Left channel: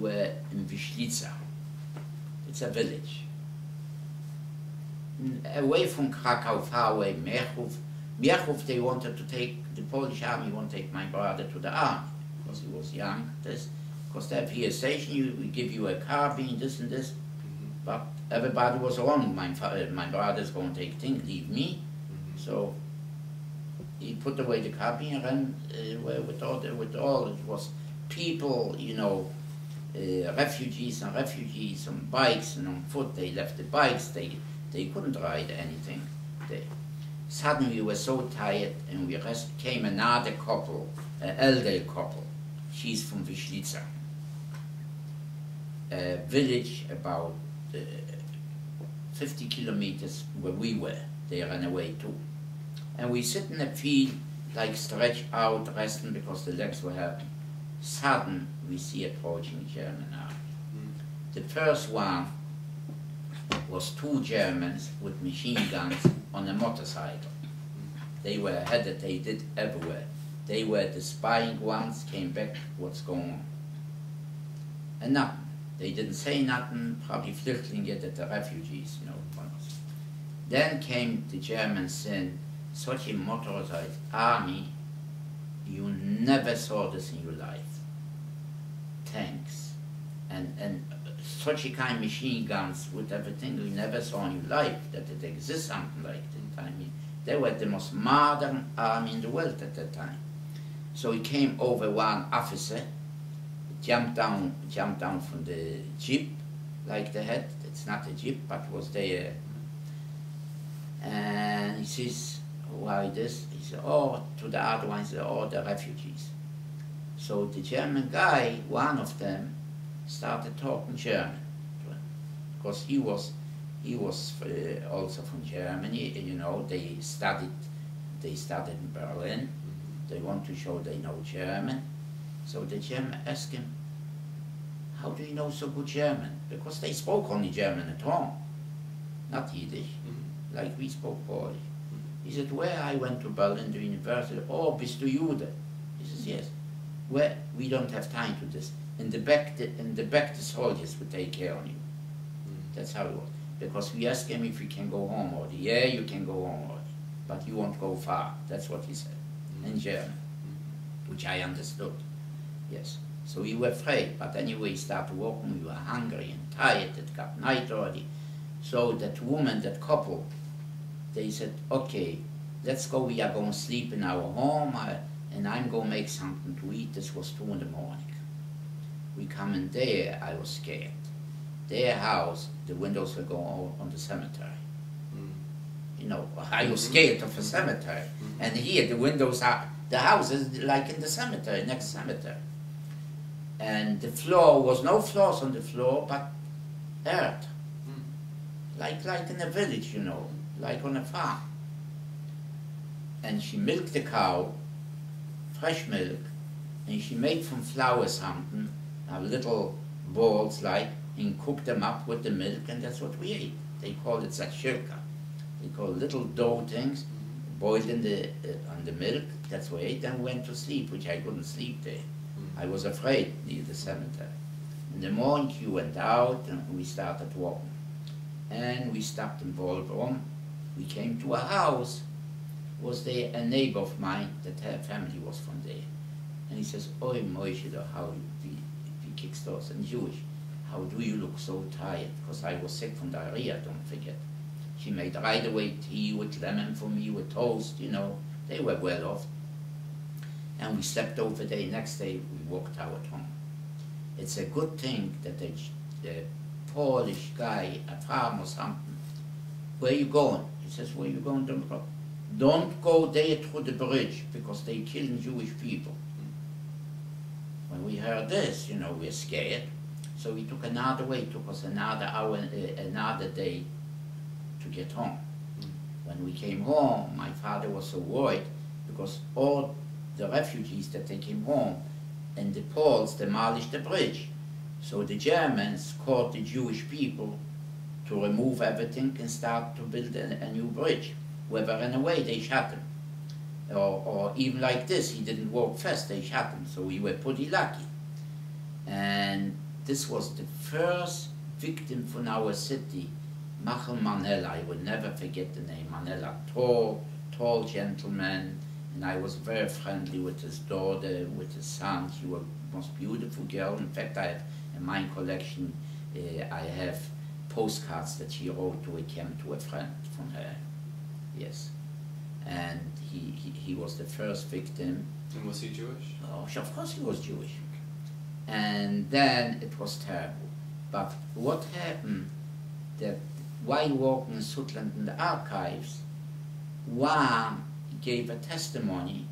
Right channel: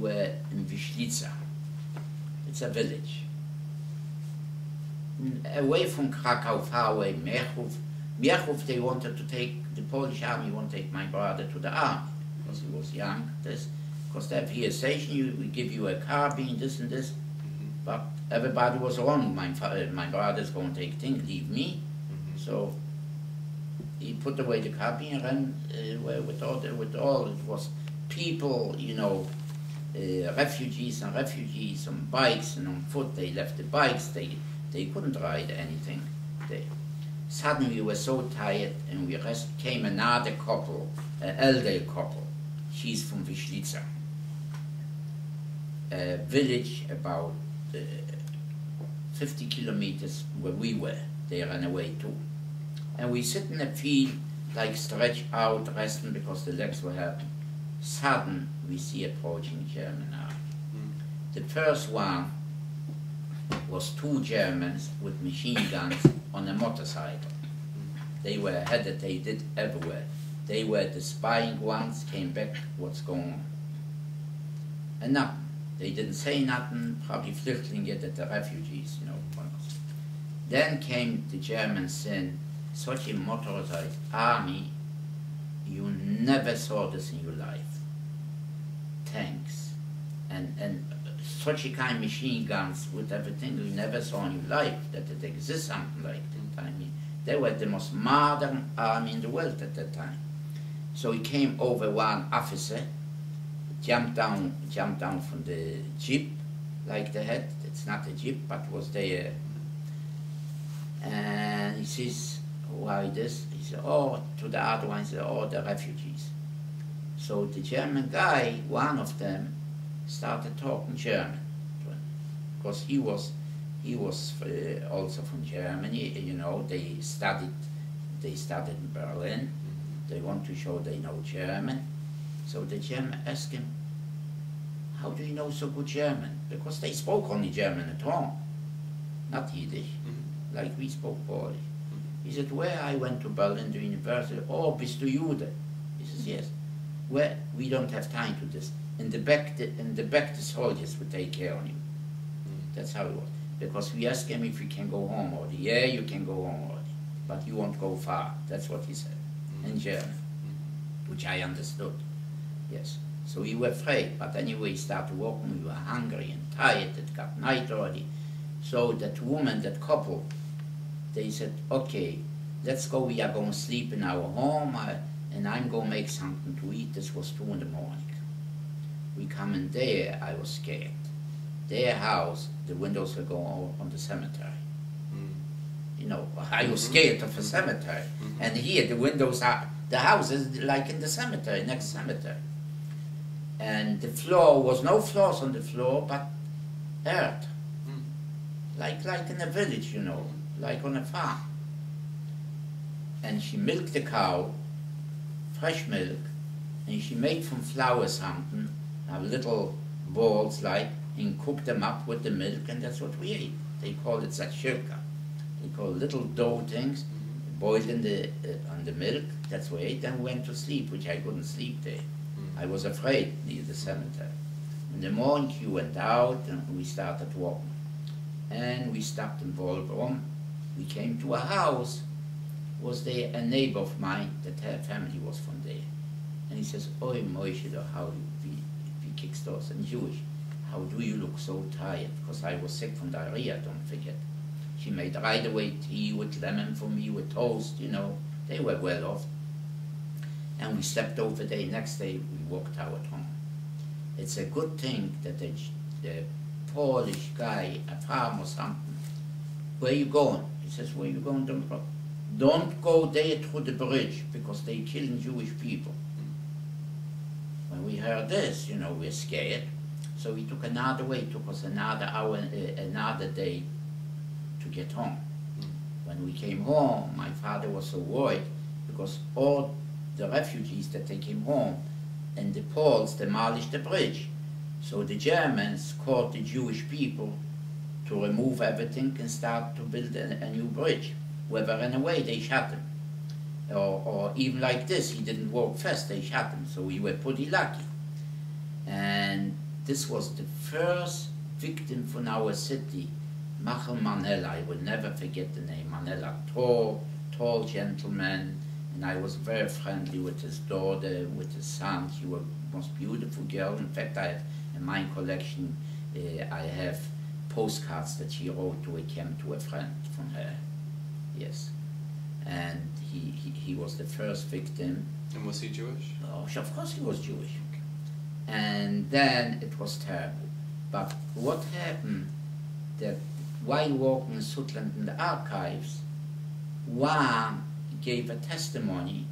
Were in Wiślica. It's a village. Away from Krakow, far away, Mechów. Mechów, they wanted to take, the Polish army wanted to take my brother to the army, because he was young. Because they have here a station, we give you a carbine, this and this. But everybody was wrong. My brother's going to take things, leave me. So he put away the carbine and ran away with all, it was people, you know, refugees on bikes and on foot. They left the bikes, they couldn't ride anything. Suddenly we were so tired, and we came another couple, an elderly couple. She's from Wiślica, a village about 50 kilometers where we were. They ran away too. And we sit in a field, like stretched out, resting because the legs were hurting. Sudden, we see approaching German army. The first one was two Germans with machine guns on a motorcycle. They were headed, they did everywhere. They were the spying ones, came back, what's going on? And nothing. They didn't say nothing, probably Flüchtlinge, that the refugees, you know. Then came the Germans saying, such a motorized army, you never saw this in your life. Tanks and such a kind of machine guns with everything you never saw in your life, that it exists something like that. I mean, they were the most modern army in the world at that time. So he came over, one officer, jumped down from the jeep, like the head. It's not a jeep, but was there. And he says, why this? He said, oh, to the other one, he said, oh, the refugees. So the German guy, one of them, started talking German, because he was also from Germany. You know, they studied in Berlin. They want to show they know German. So the German asked him, how do you know so good German? Because they spoke only German at home, not Yiddish, like we spoke Polish. He said, where I went to Berlin, the university. Oh, bist du Jude? He says, yes. Well, we don't have time to this. In the back, the soldiers would take care of you. That's how it was. Because we asked him if we can go home already. Yeah, you can go home already, but you won't go far. That's what he said in German, which I understood. Yes. So we were afraid, but anyway, we started walking. We were hungry and tired. It got night already. So that woman, that couple, they said, okay, let's go. We are going to sleep in our home. And I'm going to make something to eat. This was 2 in the morning. We come in there, I was scared. Their house, the windows were going on the cemetery. You know, I was scared of a cemetery. And here, the windows are, the house is like in the cemetery, next cemetery. And the floor was no floors on the floor, but earth. Like in a village, you know, like on a farm. And she milked the cow, fresh milk, and she made from flour something, little balls like, and cooked them up with the milk, and that's what we ate. They call it zakshirka. They call little dough things, boiled in on the milk, that's what we ate, then we went to sleep, which I couldn't sleep there. I was afraid near the cemetery. In the morning, she went out, and we started walking. And we stopped in Baltimore. We came to a house. Was there a neighbor of mine that her family was from there. And he says, oi Moshe, how we kicks those, and Jewish, how do you look so tired? Because I was sick from diarrhea, don't forget. She made right away tea with lemon for me, with toast, you know. They were well off. And we slept over there. Next day, we walked out home. It's a good thing that the Polish guy, a farmer or something, where you going? He says, where you going? Don't go there through the bridge, because they're killing Jewish people. When we heard this, you know, we're scared. So we took another way. It took us another hour, another day to get home. When we came home, my father was so worried, because all the refugees that they came home, and the Poles demolished the bridge. So the Germans caught the Jewish people to remove everything and start to build a new bridge. Whoever ran away, they shot him. Or even like this, he didn't walk fast, they shot him, so we were pretty lucky. And this was the first victim from our city, Michael Manella. I will never forget the name, Manella. Tall gentleman, and I was very friendly with his daughter, with his son. She was the most beautiful girl. In fact, I have in my collection, I have postcards that she wrote to a friend from her. Yes. And he was the first victim. And was he Jewish? Oh, of course he was Jewish. Okay. And then it was terrible. But what happened, that while walking in Sutland in the archives, one gave a testimony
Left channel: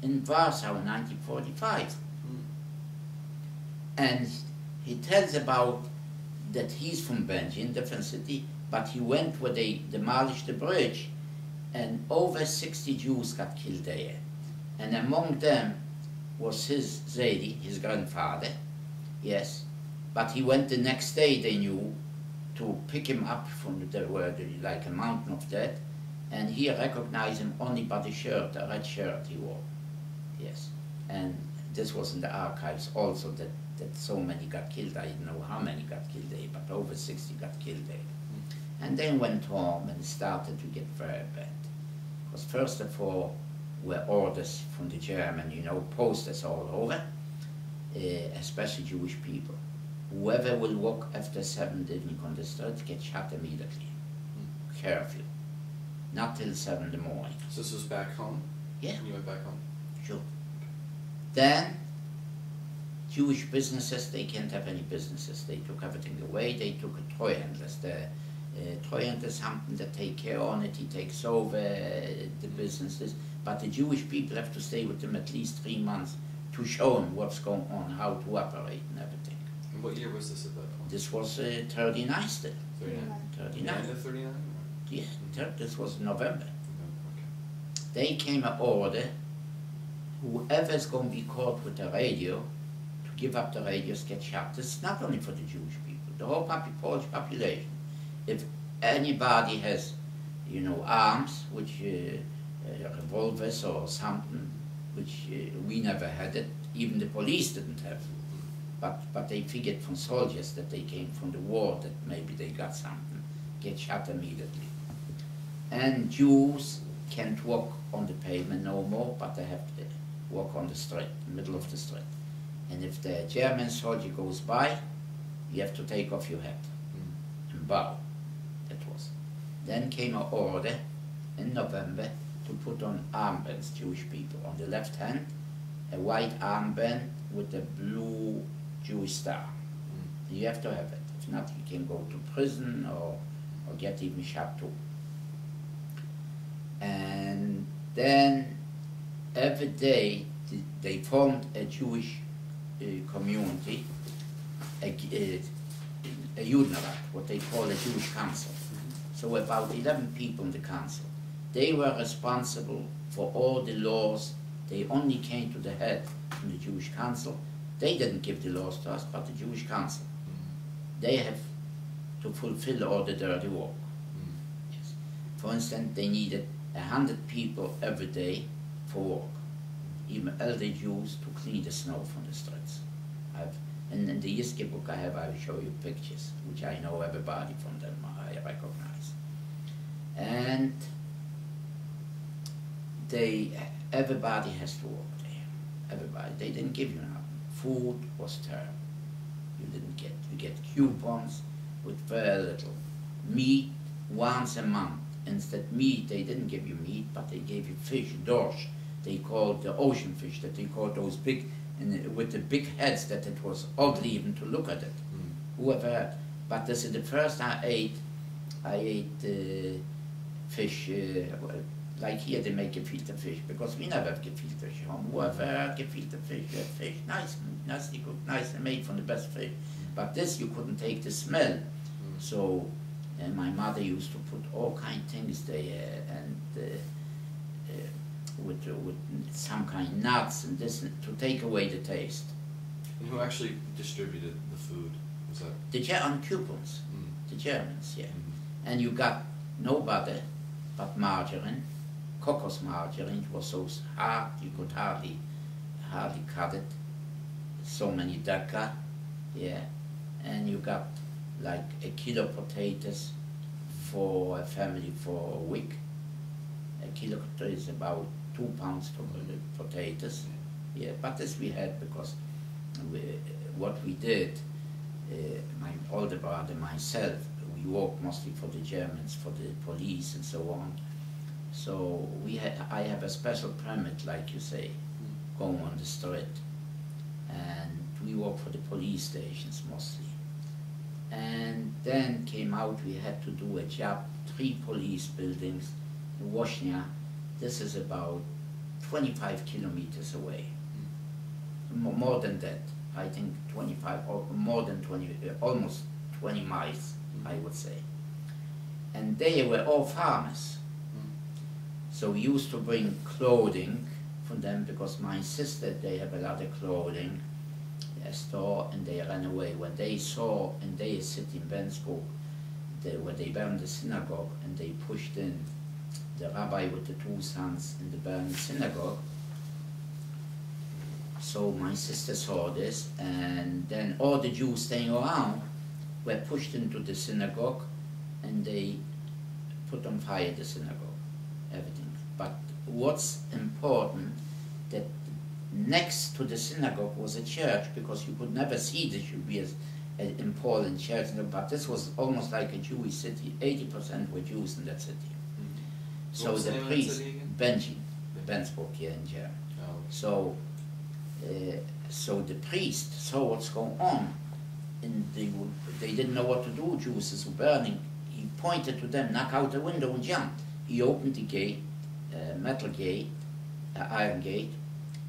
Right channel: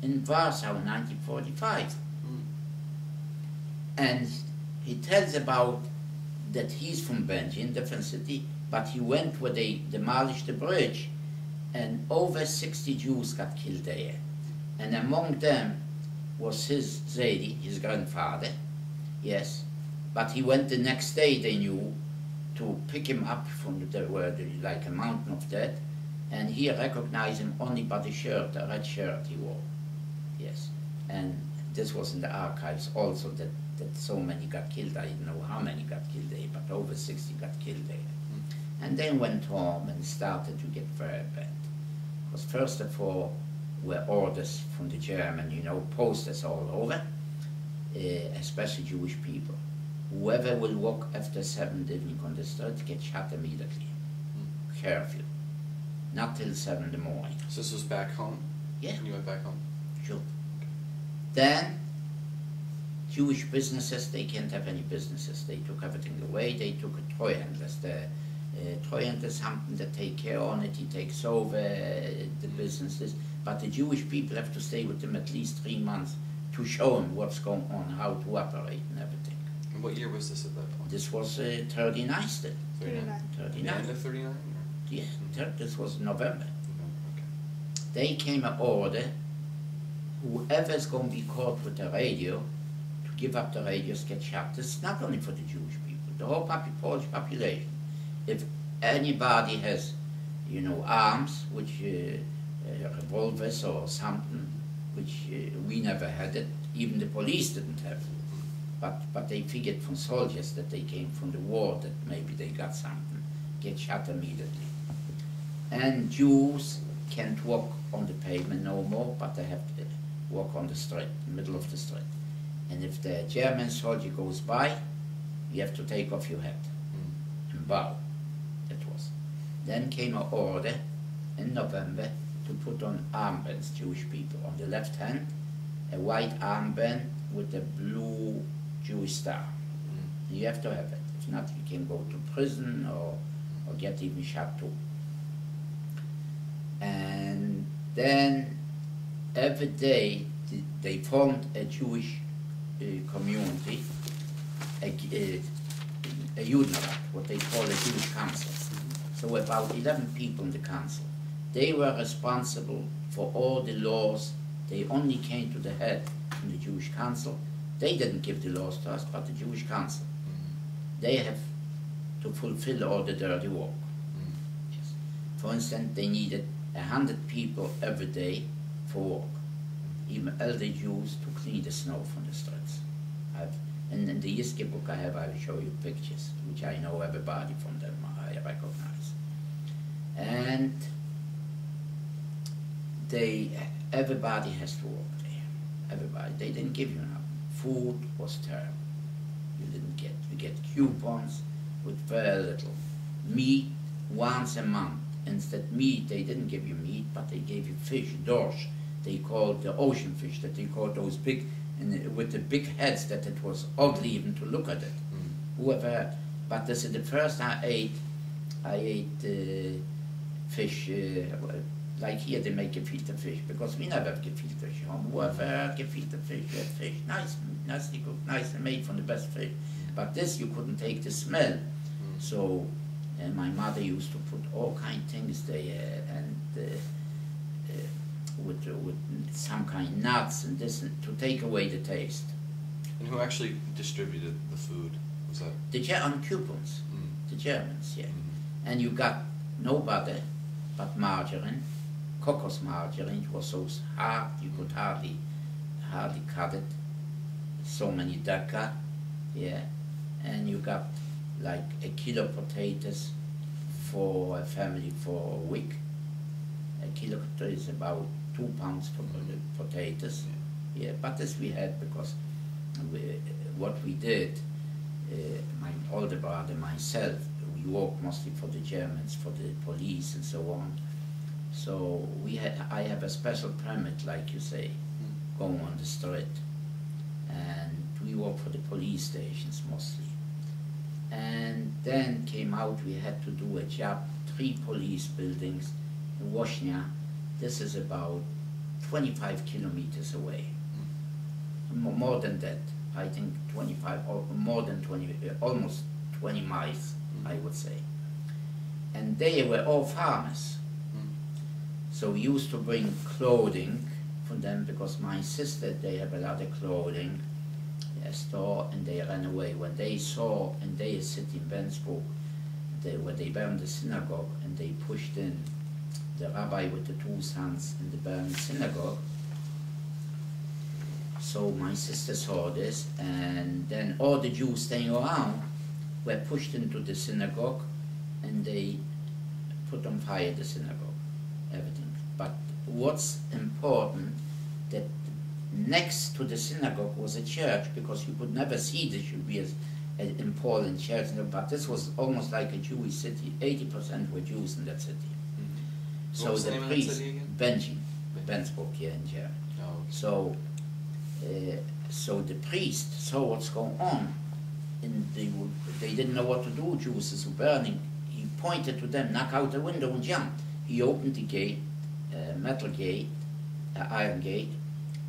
in Warsaw in 1945. And he tells about that he's from Belgium, different city, but he went where they demolished the bridge, and over 60 Jews got killed there. And among them was his Zedi, his grandfather, yes, but he went the next day, they knew, to pick him up from like a mountain of dead, and he recognized him only by the shirt, a red shirt he wore, yes. And this was in the archives also, that so many got killed. I didn't know how many got killed there, but over 60 got killed there. And then went home and started to get very bad. Because first of all, were orders from the German, you know, posters all over, especially Jewish people. Whoever will walk after 7 evening on the street gets shot immediately. Curfew. Not till 7 in the morning. So this was back home? Yeah. You went back home? Sure. Okay. Then, Jewish businesses, they can't have any businesses. They took everything away. They took a Treuhandlers. The Treuhandler is something that take care on it. He takes over the businesses. But the Jewish people have to stay with them at least 3 months to show them what's going on, how to operate and everything. And what year was this at that point? This was 39 still. 39? 39. The end of 39? Yeah, this was November. Okay. They came an order, whoever's going to be caught with the radio, to give up the radios, get shot. This is not only for the Jewish people, the whole Polish population. If anybody has, you know, arms, which revolvers or something, which we never had it, even the police didn't have it. But they figured from soldiers that they came from the war, that maybe they got something, get shot immediately. And Jews can't walk on the pavement no more, but they have to walk on the street, middle of the street. And if the German soldier goes by, you have to take off your hat and bow. That was. Then came an order in November to put on armbands, Jewish people. On the left hand, a white armband with a blue Jewish star. You have to have it. If not, you can go to prison or get even shot too. And then every day they formed a Jewish community, a Judenrat, what they call a Jewish council. So about 11 people in the council. They were responsible for all the laws. They only came to the head from the Jewish council. They didn't give the laws to us, but the Jewish council. They have to fulfill all the dirty work. Yes. For instance, they needed 100 people every day for work. Even elder Jews to clean the snow from the streets. In the Yiske book I will show you pictures, which I know everybody from them, I recognize. And everybody has to work there. Everybody. They didn't give you nothing. Food was terrible. You didn't get. You get coupons with very little. Meat once a month. Instead meat, they didn't give you meat, but they gave you fish, dorsch. They called the ocean fish, that they called those big, with the big heads, that it was ugly even to look at it. Whoever had. But this is the first I ate fish, like here they make gefilte fish, because we never have gefilte fish home. Whoever had gefilte fish, nicely cooked, nicely made from the best fish. But this you couldn't take the smell. So my mother used to put all kind of things there, and with some kind of nuts and this, to take away the taste. And who actually distributed the food? Was that? On coupons, the Germans, yeah. And you got no butter, but margarine, cocos margarine. It was so hard you could hardly cut it. So many daka, yeah. and you got like a kilo potatoes for a family for a week. A kilo is about 2 pounds for the potatoes. Yeah, but this we had because what we did, my older brother and myself, we worked mostly for the Germans, for the police and so on. So I have a special permit, like you say, going on the street. And we work for the police stations mostly. And then came out, we had to do a job, 3 police buildings in Washnia. This is about 25 kilometers away. More than that, I think 25 or more than 20, almost 20 miles, I would say. And they were all farmers. So we used to bring clothing for them because my sister, they have a lot of clothing, a store, and they ran away. When they saw in their city in Bensburg, where they burned the synagogue and they pushed in the rabbi with the 2 sons in the burned synagogue. So my sister saw this, and then all the Jews staying around were pushed into the synagogue, and they put on fire the synagogue, everything. But what's important, that next to the synagogue was a church, because you could never see this should be in Poland church, but this was almost like a Jewish city. 80% were Jews in that city. So the priest, Bensburg here in Germany. Oh, okay. So the priest saw what's going on, and they didn't know what to do. Jews were burning. He pointed to them, knock out the window and jumped. He opened the gate, metal gate, iron gate,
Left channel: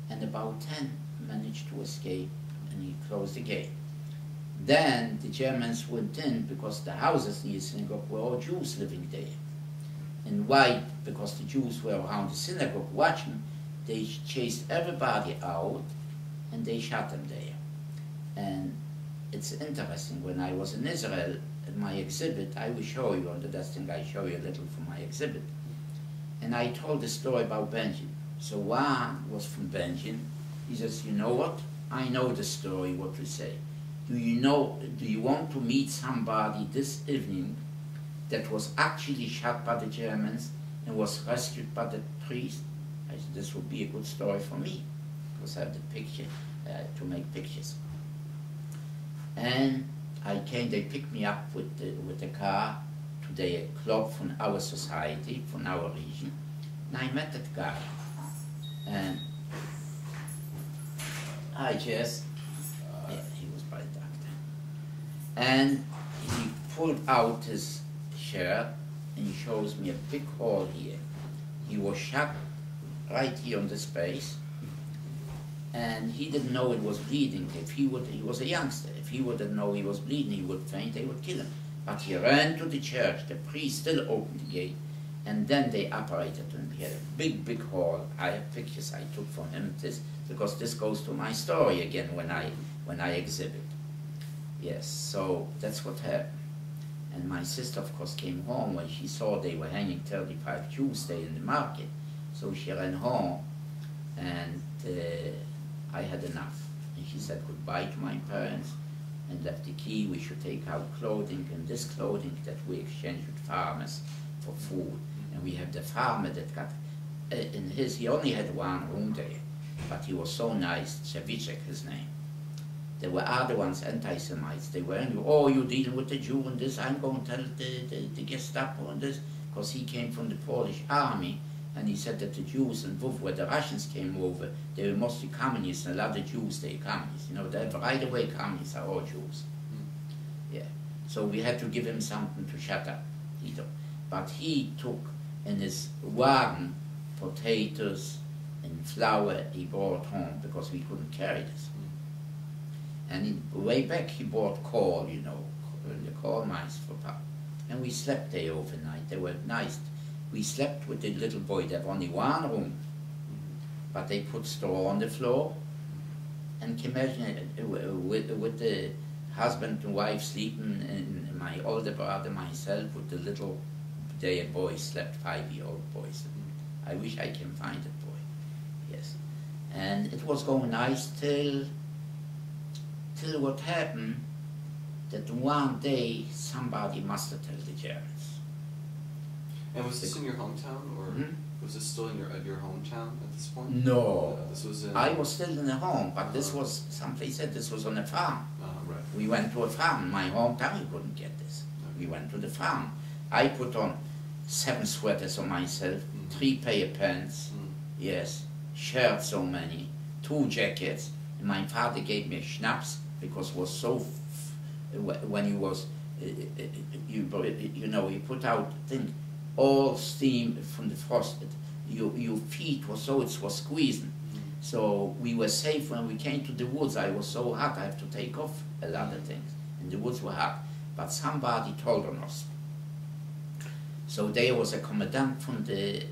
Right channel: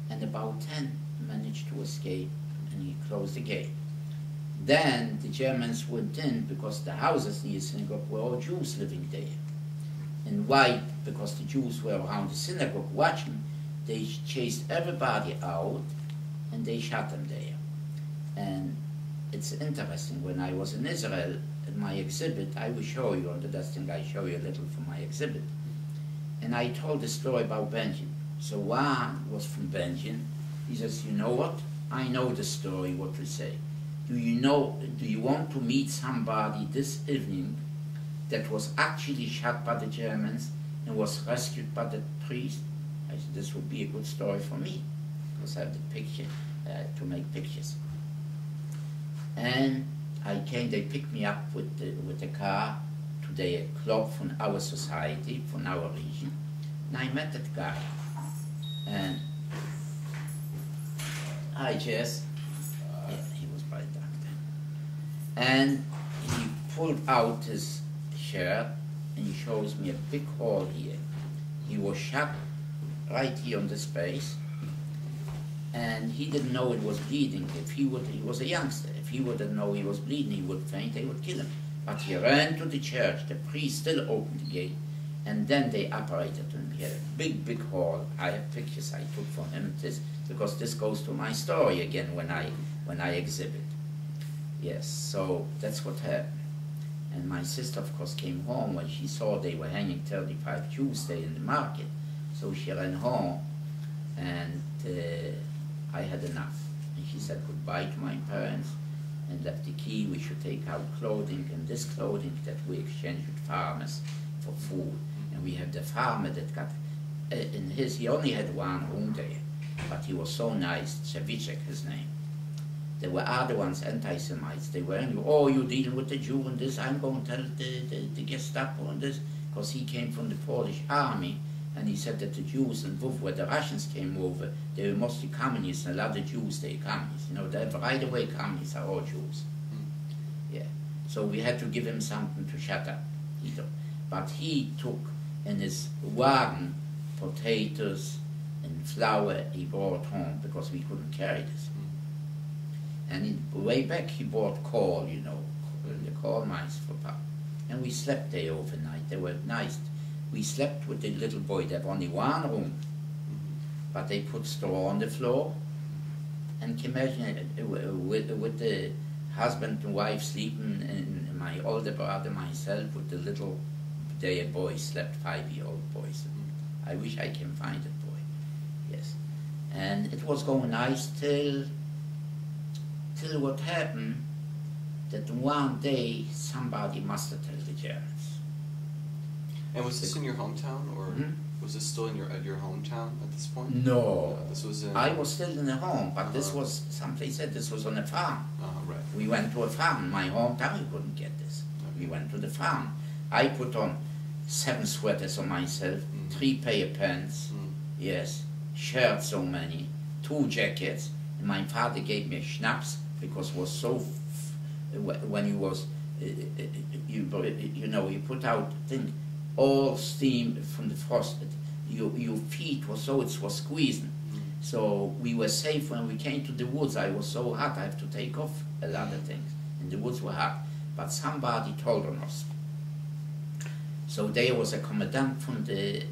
and about 10 managed to escape, and he closed the gate. Then the Germans went in, because the houses near the synagogue were all Jews living there. And why? Because the Jews were around the synagogue watching. They chased everybody out, and they shot them there. And it's interesting, when I was in Israel, at my exhibit, I will show you on the desk, I show you a little from my exhibit. And I told the story about Benjamin. So one was from Benjamin. He says, you know what? I know the story, what we say. Do you want to meet somebody this evening that was actually shot by the Germans and was rescued by the priest? I said, this would be a good story for me, because I have the picture, to make pictures. And I came, they picked me up with the car to the club from our society, from our region, and I met that guy. And I just, yeah, he was by the doctor. And he pulled out his shirt, and he shows me a big hole here. He was shot right here on this face, and he didn't know it was bleeding. He was a youngster. If he wouldn't know he was bleeding, he would faint, they would kill him. But he ran to the church, the priest still opened the gate, and then they operated him. He had a big, big hole. I have pictures I took from him, because this goes to my story again when I exhibit. Yes, so that's what happened. And my sister, of course, came home when she saw they were hanging 35 Jews there in the market. So she ran home, and I had enough. And she said goodbye to my parents and left the key. We should take out clothing, and this clothing that we exchanged with farmers for food. And we have the farmer that got, he only had 1 room there, but he was so nice, Cevicek, his name. There were other ones, anti-Semites. They were, oh, you're dealing with the Jew and this, I'm going to tell the Gestapo and this, because he came from the Polish army, and he said that the Jews in Lviv, where the Russians came over, they were mostly communists, and a lot of Jews, they are communists. You know, they right away communists are all Jews. Yeah. So we had to give him something to shut up. But he took in his wagon potatoes and flour he brought home, because we couldn't carry this. And way back he bought coal, you know, the coal mines for power. And we slept there overnight. They were nice. We slept with the little boy. They have only 1 room, but they put straw on the floor. And can you imagine with the husband and wife sleeping, and my older brother, myself, with the little boy slept, 5-year-old boys. I wish I can find that boy. Yes. And it was going nice till what happened, that one day somebody must have told the Germans. And was this in your hometown, or was this still in your hometown at this point? No. This was in... I was still in the home, but this was, someplace said this was on a farm. Right. We went to a farm. In my hometown, you couldn't get this. Okay. We went to the farm. I put on 7 sweaters on myself, 3 pair of pants, yes, shirts so many, 2 jackets, and my father gave me a schnapps because it was so, when you was, you know, you put out, think, all steam from the frost, your feet was so, it was squeezing. So we were safe when we came to the woods. I was so hot, I have to take off a lot of things, and the woods were hot. But somebody told on us. So there was a commandant from the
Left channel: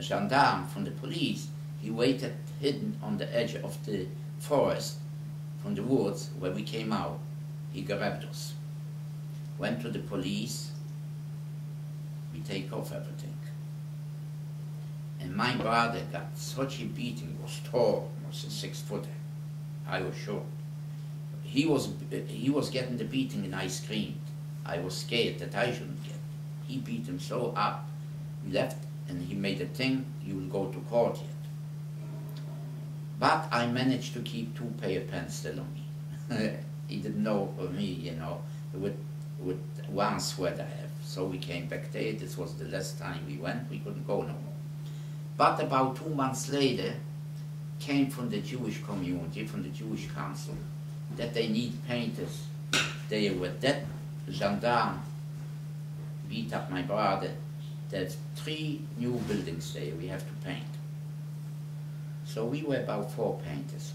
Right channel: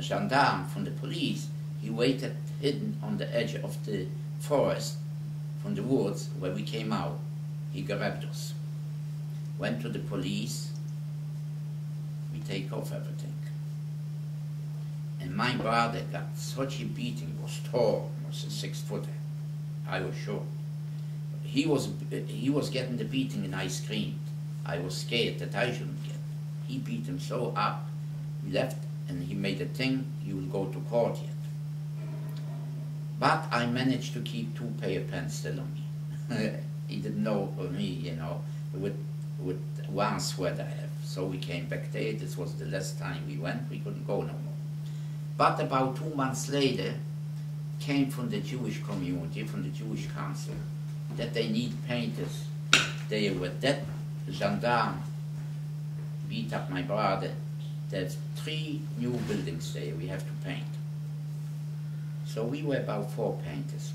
gendarme, from the police. He waited hidden on the edge of the forest from the woods where we came out. He grabbed us, went to the police. We take off everything. And my brother got such a beating. He was tall, was a 6-footer. I was short. He was getting the beating and I screamed. I was scared that I shouldn't get. He beat him so up. We left and he made a thing, you will go to court yet. But I managed to keep 2 pair of pants still on me. He didn't know of me, you know, with 1 sweater I have. So we came back there. This was the last time we went. We couldn't go no more. But about 2 months later, came from the Jewish community, from the Jewish council, that they need painters. They were that gendarme beat up my brother. There's 3 new buildings there we have to paint. So we were about 4 painters.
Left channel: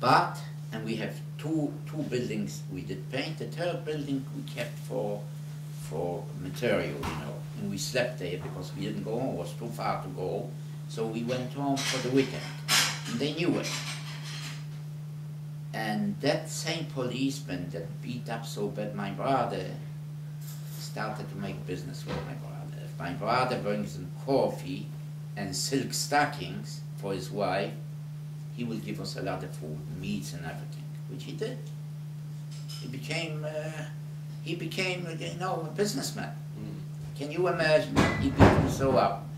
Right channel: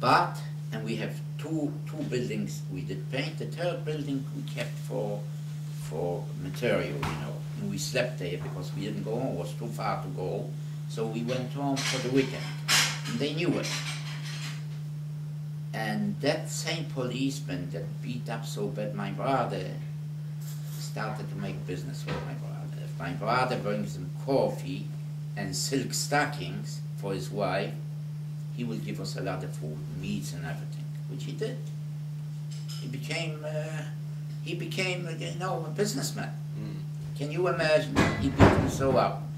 But, and we have two buildings we did paint. The 3rd building we kept for material, you know. And we slept there because we didn't go home. It was too far to go. So we went home for the weekend. And they knew it. And that same policeman that beat up so bad my brother started to make business with my brother. If my brother brings him coffee and silk stockings for his wife, he will give us a lot of food, meats and everything, which he did. He became, you know, a businessman. Can you imagine? He beat him so up.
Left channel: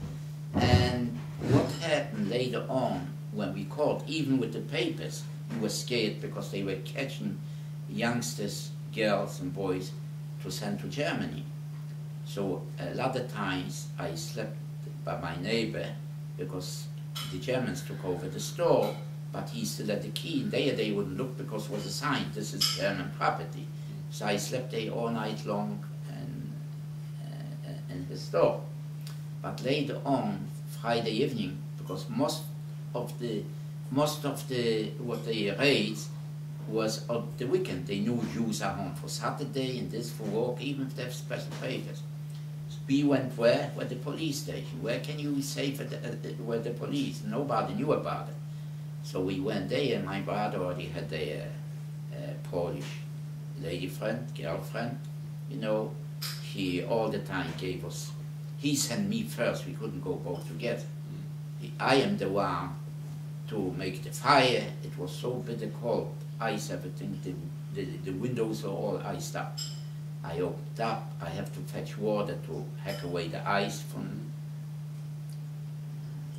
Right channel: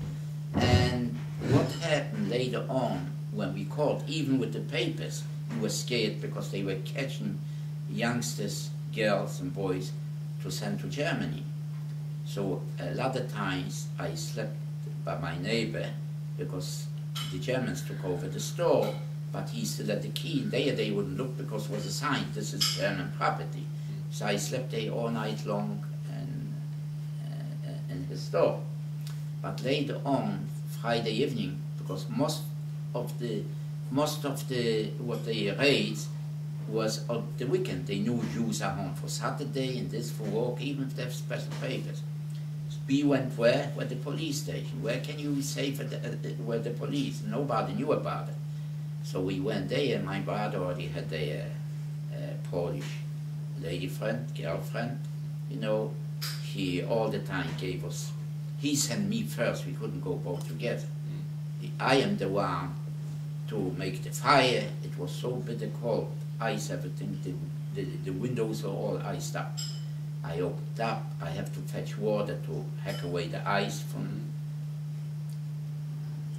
And what happened later on when we caught, even with the papers, we were scared because they were catching youngsters, girls and boys to send to Germany. So a lot of times I slept by my neighbor because the Germans took over the store, but he still had the key. And there they wouldn't look because it was a sign, this is German property. So I slept there all night long in his store. But later on, Friday evening, because most of the what they raids was on the weekend. They knew Jews are home for Saturday and this for work, even if they have special papers. So we went where? Where the police station. Where can you say where the police? Nobody knew about it. So we went there, and my brother already had a Polish lady friend, girlfriend, you know. He all the time gave us, he sent me first, we couldn't go both together. I am the one to make the fire. It was so bitter cold, ice everything, the windows are all iced up. I opened up, I have to fetch water to hack away the ice from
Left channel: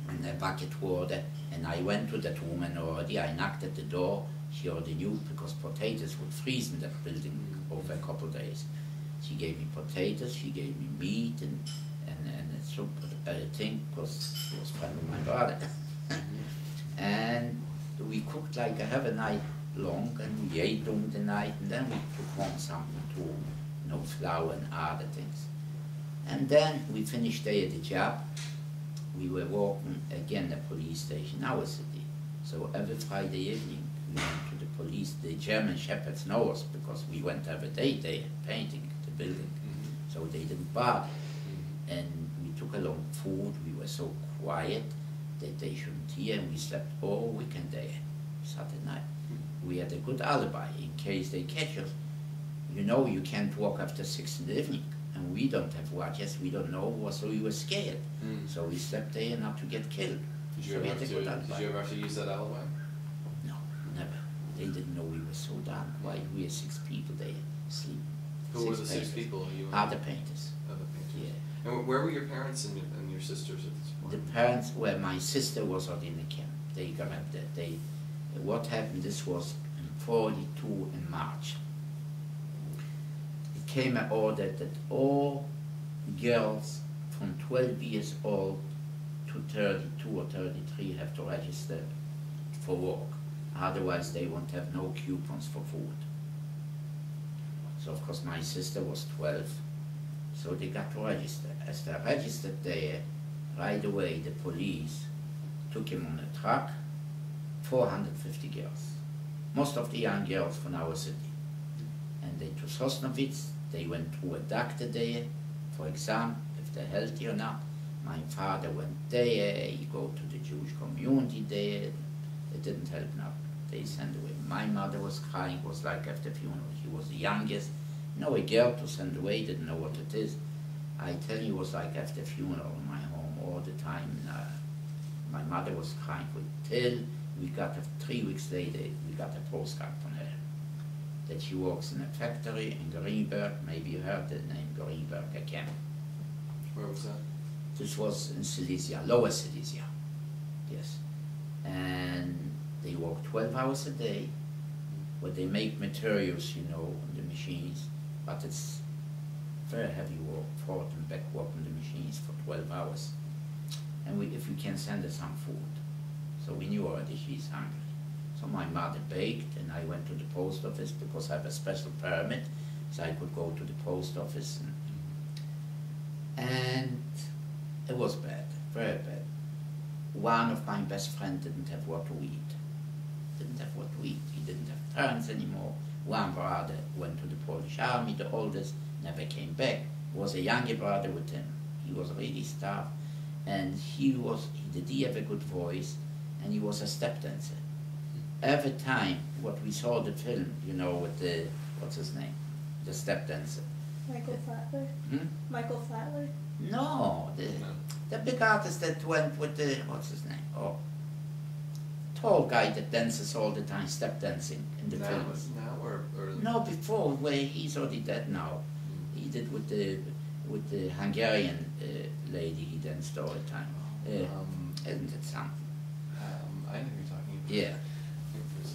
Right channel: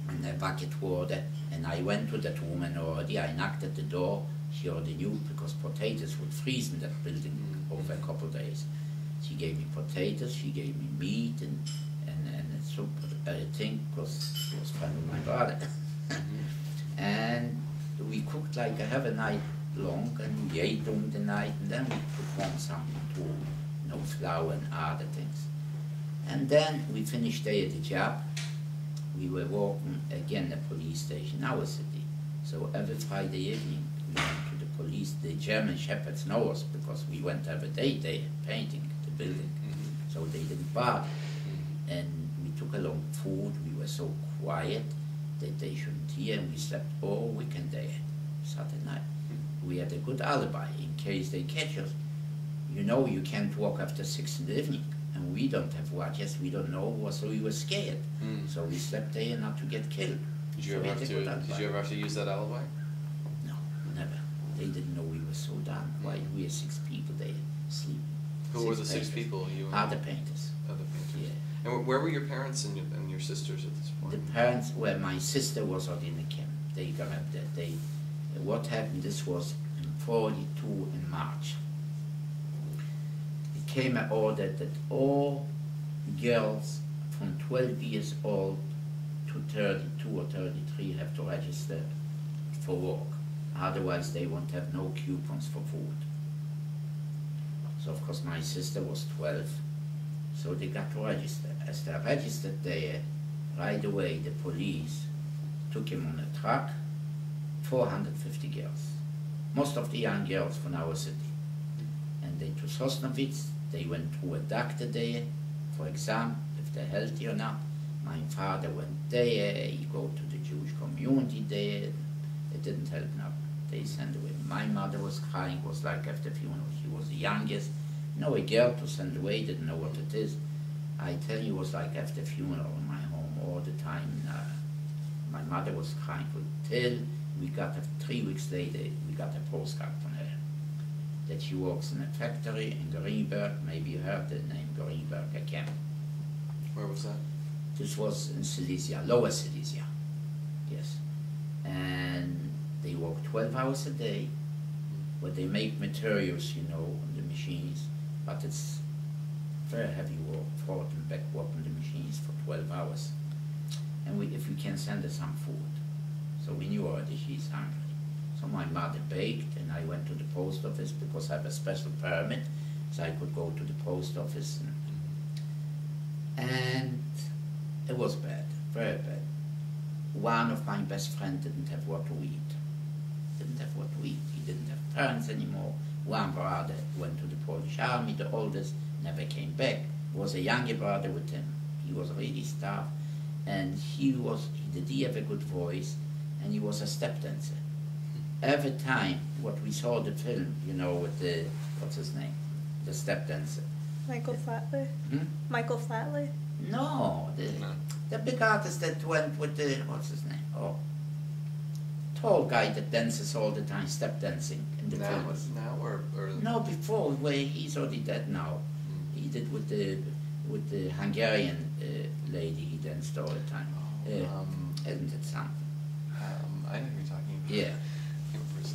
and a bucket water, and I went to that woman already. I knocked at the door. She already knew because potatoes would freeze in that building over a couple of days. She gave me potatoes, she gave me meat and a soup, I think, because she was friend of my brother. And we cooked like a half a night long, and we ate during the night, and then we took home something too, you know, flour and other things. And then we finished there the job. We were walking again the police station, our city. So every Friday evening we went to the police. The German shepherds know us because we went every day there painting the building. So they didn't bother. And we took along food. We were so quiet that they shouldn't hear, and we slept all weekend there, Saturday night. We had a good alibi in case they catch us. You know, you can't walk after 6 in the evening. And we don't have watches, we don't know, so we were scared. So we slept there not to get killed. Did you ever have to use that alibi? No, never. We They didn't know we were so darn quiet. We were 6 people there sleeping. Who were the 6 people? You and Other painters. Other painters. Yeah. And where were your parents and your sisters at this point? The parents, well, my sister was out in the camp. They got up there. What happened, this was in 42 in March. It came an order that all girls from 12 years old to 32 or 33 have to register for work. Otherwise, they won't have no coupons for food. So, of course, my sister was 12, so they got to register. As they registered there, right away, the police took him on a truck, 450 girls. Most of the young girls from our city. And they to Sosnovitz, they went through a doctor there for exam, if they're healthy or not. My father went there, he go to the Jewish community there. It didn't help nothing. They sent away. My mother was crying, it was like after funeral. She was the youngest. No, a girl to send away, didn't know what it is. I tell you, it was like after funeral in my home all the time. My mother was crying for it till we got, 3 weeks later, we got a postcard from her. That she works in a factory in Greenberg. Maybe you heard the name Greenberg again. Where was that? This was in Silesia, Lower Silesia, yes. And they work 12 hours a day, where they make materials, you know, on the machines, but it's very heavy work, forward and backward on the machines for 12 hours. And if we can send her some food. So we knew already she's hungry. So my mother baked, and I went to the post office because I have a special permit, so I could go to the post office. And it was bad, very bad. One of my best friends didn't have what to eat. Didn't have what to eat. He didn't have parents anymore. One brother went to the Polish army, the oldest, never came back. Was a younger brother with him. He was really starved. And he did have a good voice, and he was a step dancer. Every time what we saw the film, you know, with the, what's his name? The step dancer. Michael Flatley? Michael Flatley? No, the big artist that went with the, what's his name? Oh, tall guy that dances all the time, step dancing in the films. Now or No, before, where he's already dead now. He did with the Hungarian lady he danced all the time. Isn't it something? I know who you're talking about. Yeah.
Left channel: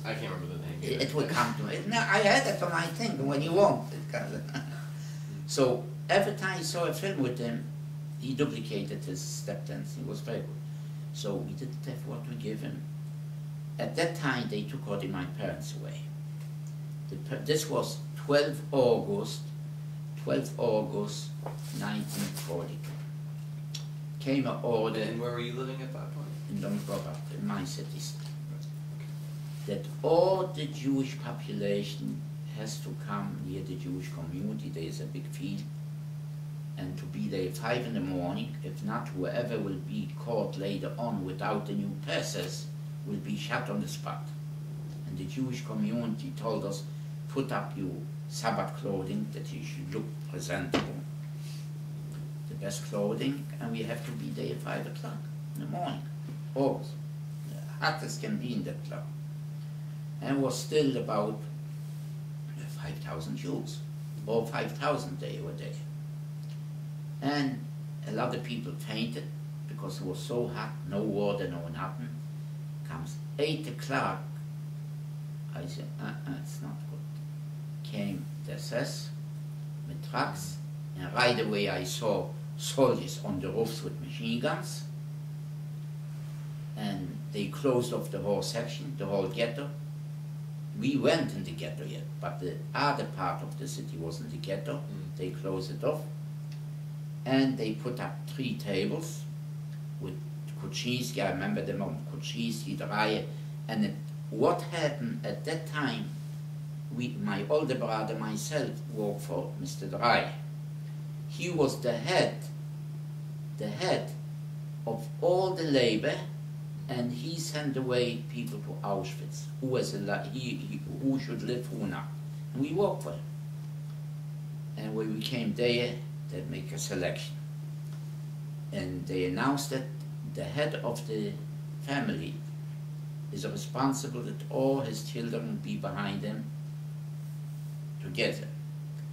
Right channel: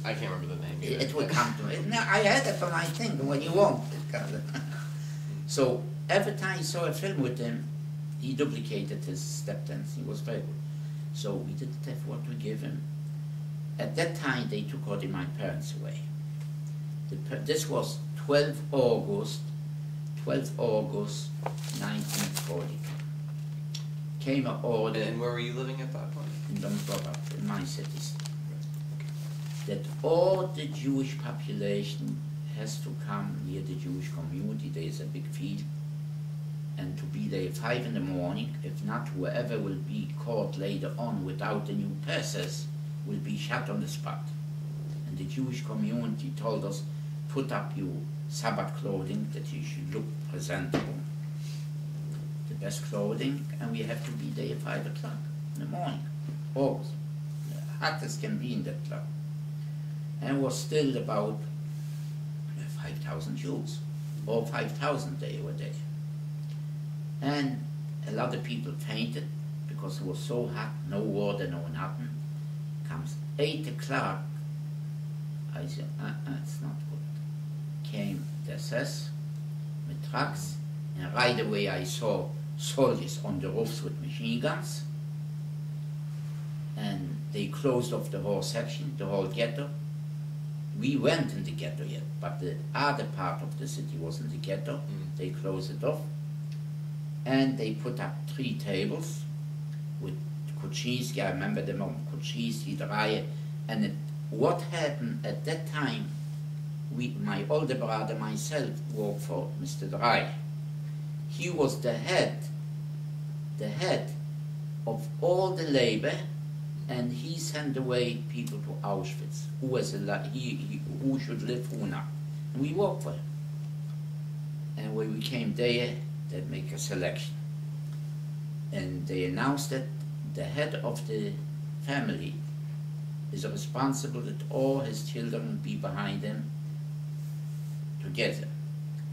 I can't remember the name either. It will come to me. No, I had it on my thing, and when you won't, it comes. So every time I saw a film with him, he duplicated his step dance. He was very good. So we didn't have what to give him. At that time, they took already my parents away. This was 12 August 1940. Came an order. And where were you living at that point? In Dombrova, in my city. That all the Jewish population has to come near the Jewish community. There is a big field, and to be there 5 in the morning. If not, whoever will be caught later on without the new passes will be shot on the spot. And the Jewish community told us, put up your Sabbath clothing, that you should look presentable, the best clothing, and we have to be there at 5 o'clock in the morning, always. The hottest can be in that club. And was still about 5,000 Jews, or 5,000 they were there. And a lot of people fainted because it was so hot, no water, no nothing. Comes 8 o'clock, I said, it's not good. Came the SS with trucks, and right away I saw soldiers on the roofs with machine guns, and they closed off the whole section, the whole ghetto. We went in the ghetto yet, but the other part of the city was in the ghetto. They closed it off, and they put up 3 tables with Kuczynski. I remember them all, Kuczynski, Dreyer, and what happened at that time, my older brother, myself, worked for Mr. Dreyer. He was the head of all the labor, and he sent away people to Auschwitz, who should live, who not. And we worked for him. And when we came there, they'd make a selection. And they announced that the head of the family is responsible that all his children be behind him together.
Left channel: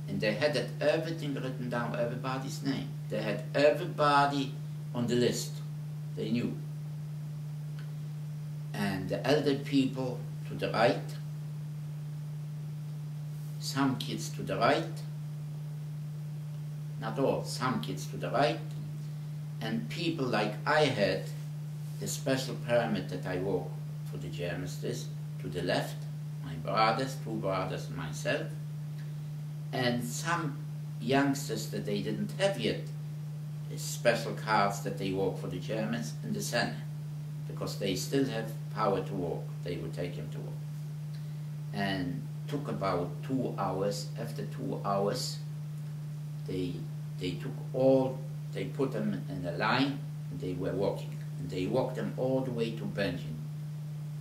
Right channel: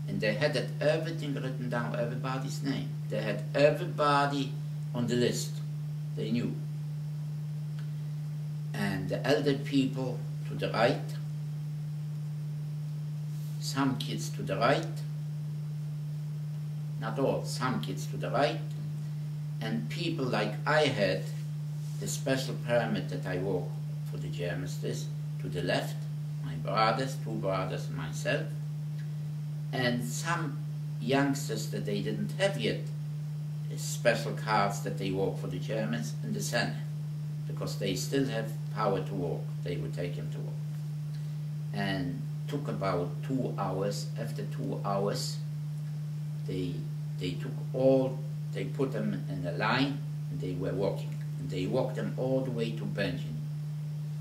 And they had everything written down, everybody's name. They had everybody on the list. They knew. And the elder people to the right, some kids to the right, not all, some kids to the right, and people like I had, the special permit that I wore for the Germans, this, to the left, my brothers, 2 brothers and myself, and some youngsters that they didn't have yet, special cards that they wore for the Germans in the center, because they still have power to walk, they would take him to walk. And took about 2 hours. After 2 hours, they put them in a line, and they were walking. And they walked them all the way to Benjamin.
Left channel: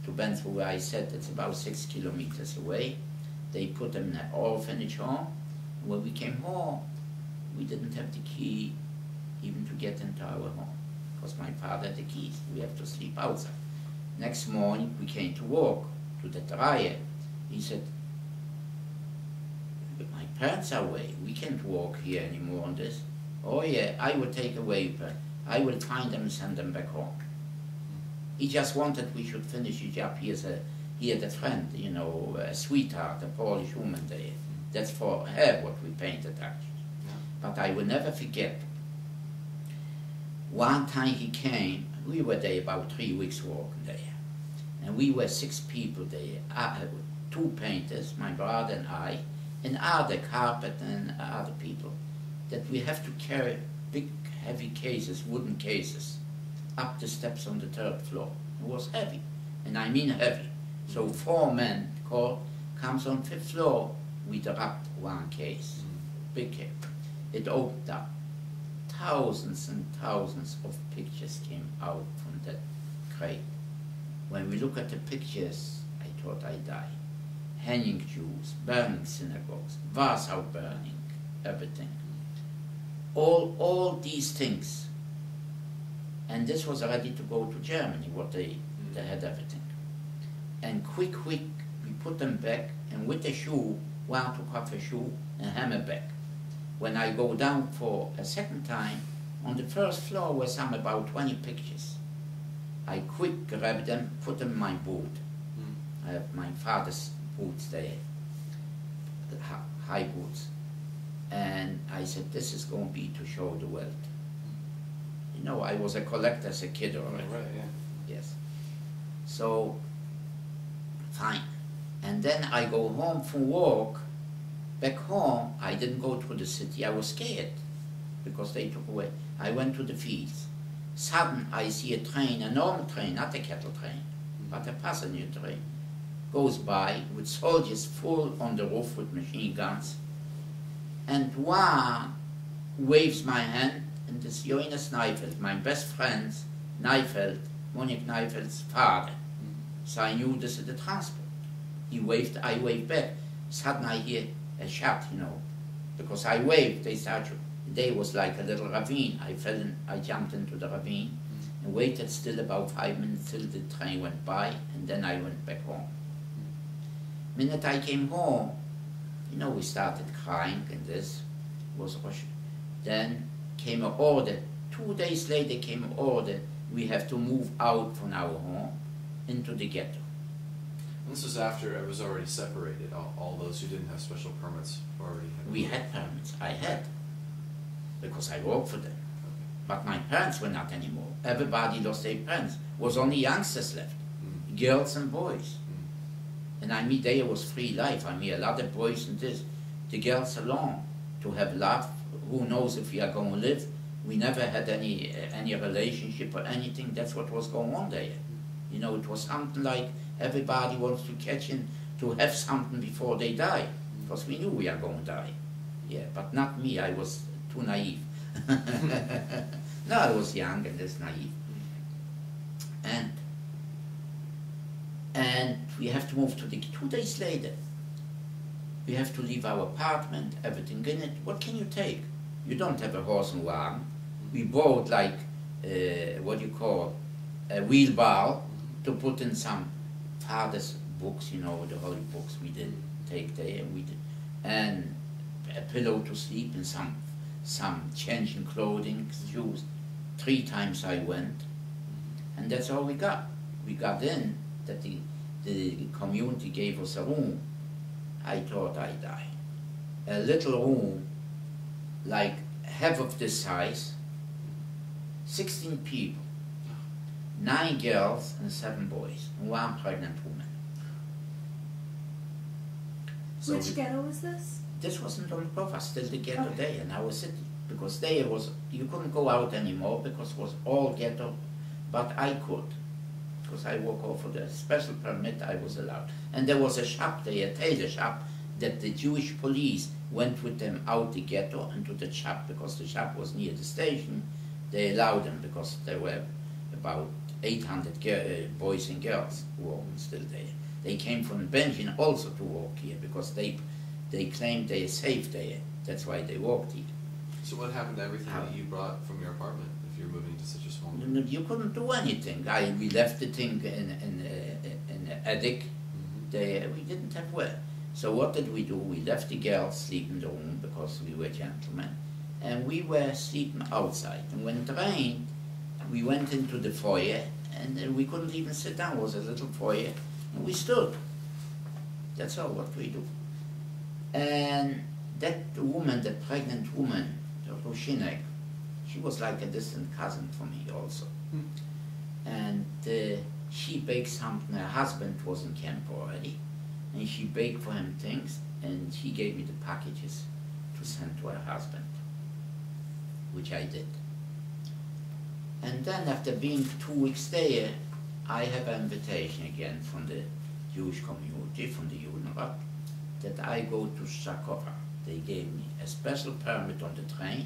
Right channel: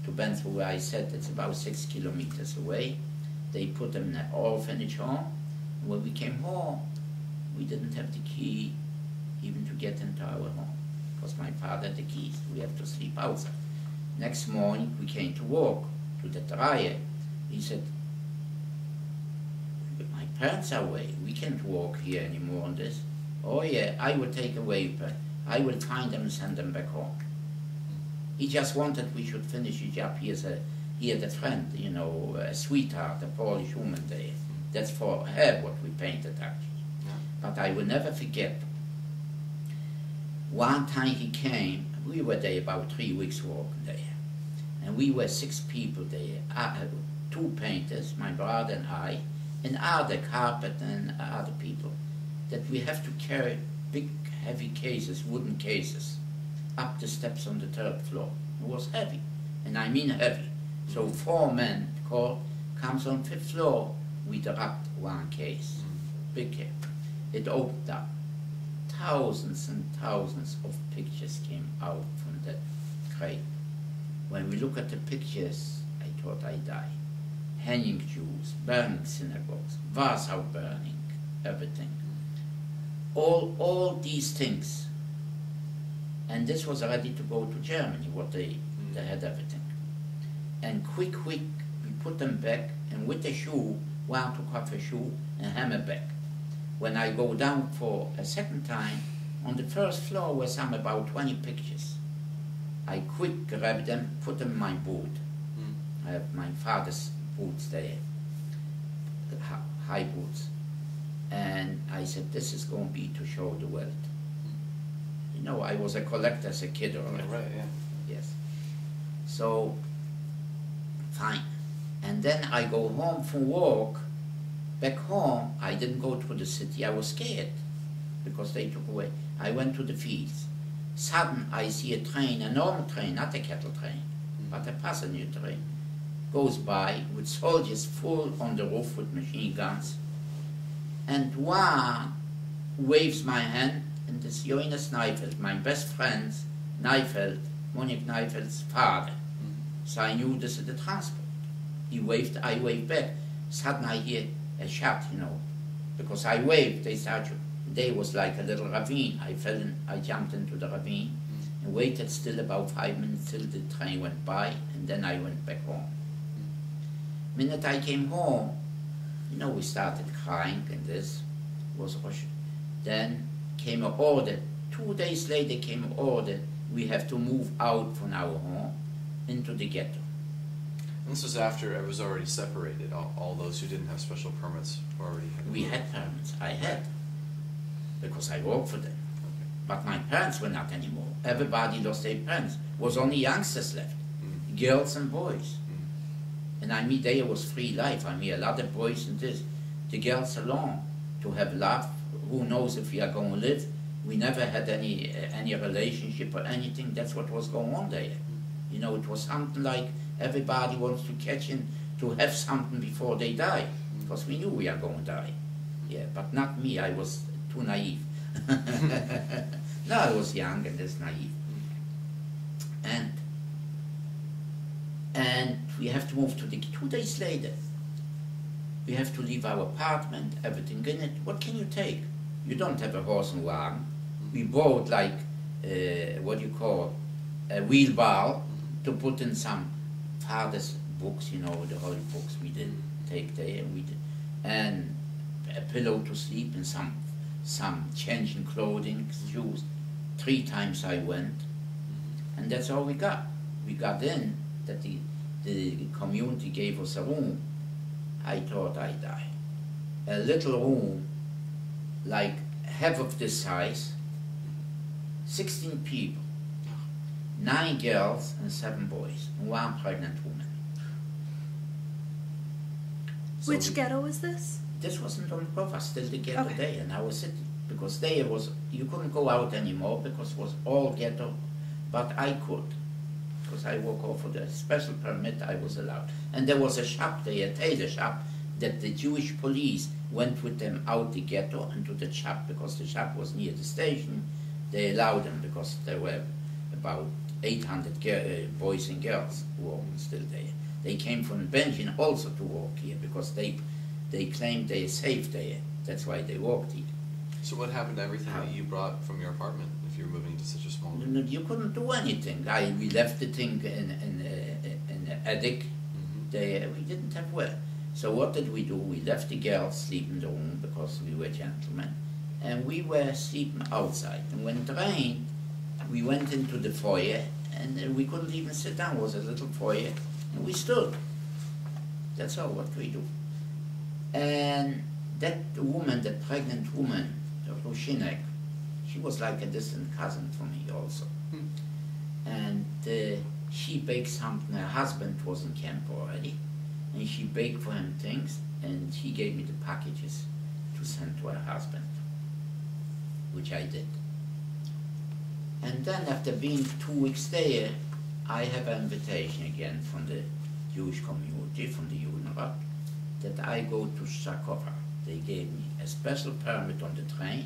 To Benjamin, where I said it's about 6 kilometers away. They put them in an orphanage home. And when we came home, we didn't have the key even to get into our home, because my father had the keys. We have to sleep outside. Next morning, we came to walk to the dryer. He said, my parents are away. We can't walk here anymore on this. Oh yeah, I will take away. I will find them and send them back home. He just wanted we should finish his job. He had a friend, you know, a sweetheart, a Polish woman there. That's for her what we painted actually. Yeah. But I will never forget. One time he came, we were there about 3 weeks walking there. And we were 6 people there, 2 painters, my brother and I, and other carpet and other people, that we have to carry big heavy cases, wooden cases, up the steps on the 3rd floor. It was heavy, and I mean heavy. So 4 men comes on 5th floor, we dropped 1 case, big case. It opened up. Thousands and thousands of pictures came out from that crate. When we look at the pictures, I thought I died. Hanging Jews, burning synagogues, Warsaw burning, everything. All these things. And this was ready to go to Germany, what they had everything. And quick, we put them back, and with the shoe, 1 took off a shoe and hammer back. When I go down for a second time, on the 1st floor were some about 20 pictures. I quick grabbed them, put them in my boot. I have my father's boots there, high boots. And I said, this is going to be to show the world. You know, I was a collector as a kid already. Right, yeah. Yes. So, fine. And then I go home from work. Back home, I didn't go to the city. I was scared because they took away. I went to the fields. Sudden, I see a train, a normal train, not a cattle train, but a passenger train, goes by with soldiers full on the roof with machine guns. And one waves my hand, and this is Jonas Neifeld, my best friend's Neifeld, Monique Neifeld's father. So I knew this is the transport. He waved, I waved back. Suddenly I hear a shot, you know, because I waved, they started. There was like a little ravine. I jumped into the ravine and waited still about 5 minutes till the train went by, and then I went back home. Minute I came home, you know, we started crying, and this was Rosh. Then came an order. 2 days later came an order, we have to move out from our home into the ghetto. And this was after it was already separated. All those who didn't have special permits already had. We had permits. I had, because I worked for them. Okay. But my parents were not anymore. Everybody lost their parents. Was only youngsters left, girls and boys. And I mean, there was free life. I mean, a lot of boys and this. The girls alone, to have love. Who knows if we are going to live? We never had any relationship or anything. That's what was going on there. You know, it was something like everybody wants to catch in to have something before they die, because we knew we are going to die. Yeah, but not me. I was too naive. No, I was young and just naive. And we have to move to the 2 days later. We have to leave our apartment, everything in it. What can you take? You don't have a horse and wagon. We bought like, what do you call, a wheelbarrow to put in some father's books, you know, the holy books we did take there, and we did, and a pillow to sleep and some changing clothing, shoes. 3 times I went, and that's all we got. We got in that the community gave us a room. I thought I'd die. A little room, like half of this size, 16 people, 9 girls and 7 boys, and 1 pregnant woman. So Which ghetto was this? this wasn't on cover, still the ghetto Okay. there in our city, because there was, you couldn't go out anymore because it was all ghetto, but I could, because I work off for the special permit, I was allowed. And there was a shop there, a tailor shop, that the Jewish police went with them out the ghetto and to the shop, because the shop was near the station. They allowed them because there were about 800 boys and girls who were still there. They came from Benjamin also to work here because they claimed they are safe there. That's why they worked here. So what happened to everything that you brought from your apartment if you were moving to such a small No, room? no, you couldn't do anything. We left the thing in the attic. There, we didn't have where. So what did we do? We left the girls sleep in the room because we were gentlemen, and we were sleeping outside. And when it rained, we went into the foyer, and we couldn't even sit down. It was a little foyer, and we stood. That's all what we do. And that woman, the pregnant woman, the Rosen, she was like a distant cousin for me also. And she baked something. Her husband was in camp already, and she baked for him things, and she gave me the packages to send to her husband, which I did. And then after being 2 weeks there, I have an invitation again from the Jewish community, from the Judenrat, that I go to Shakova. They gave me a special permit on the train,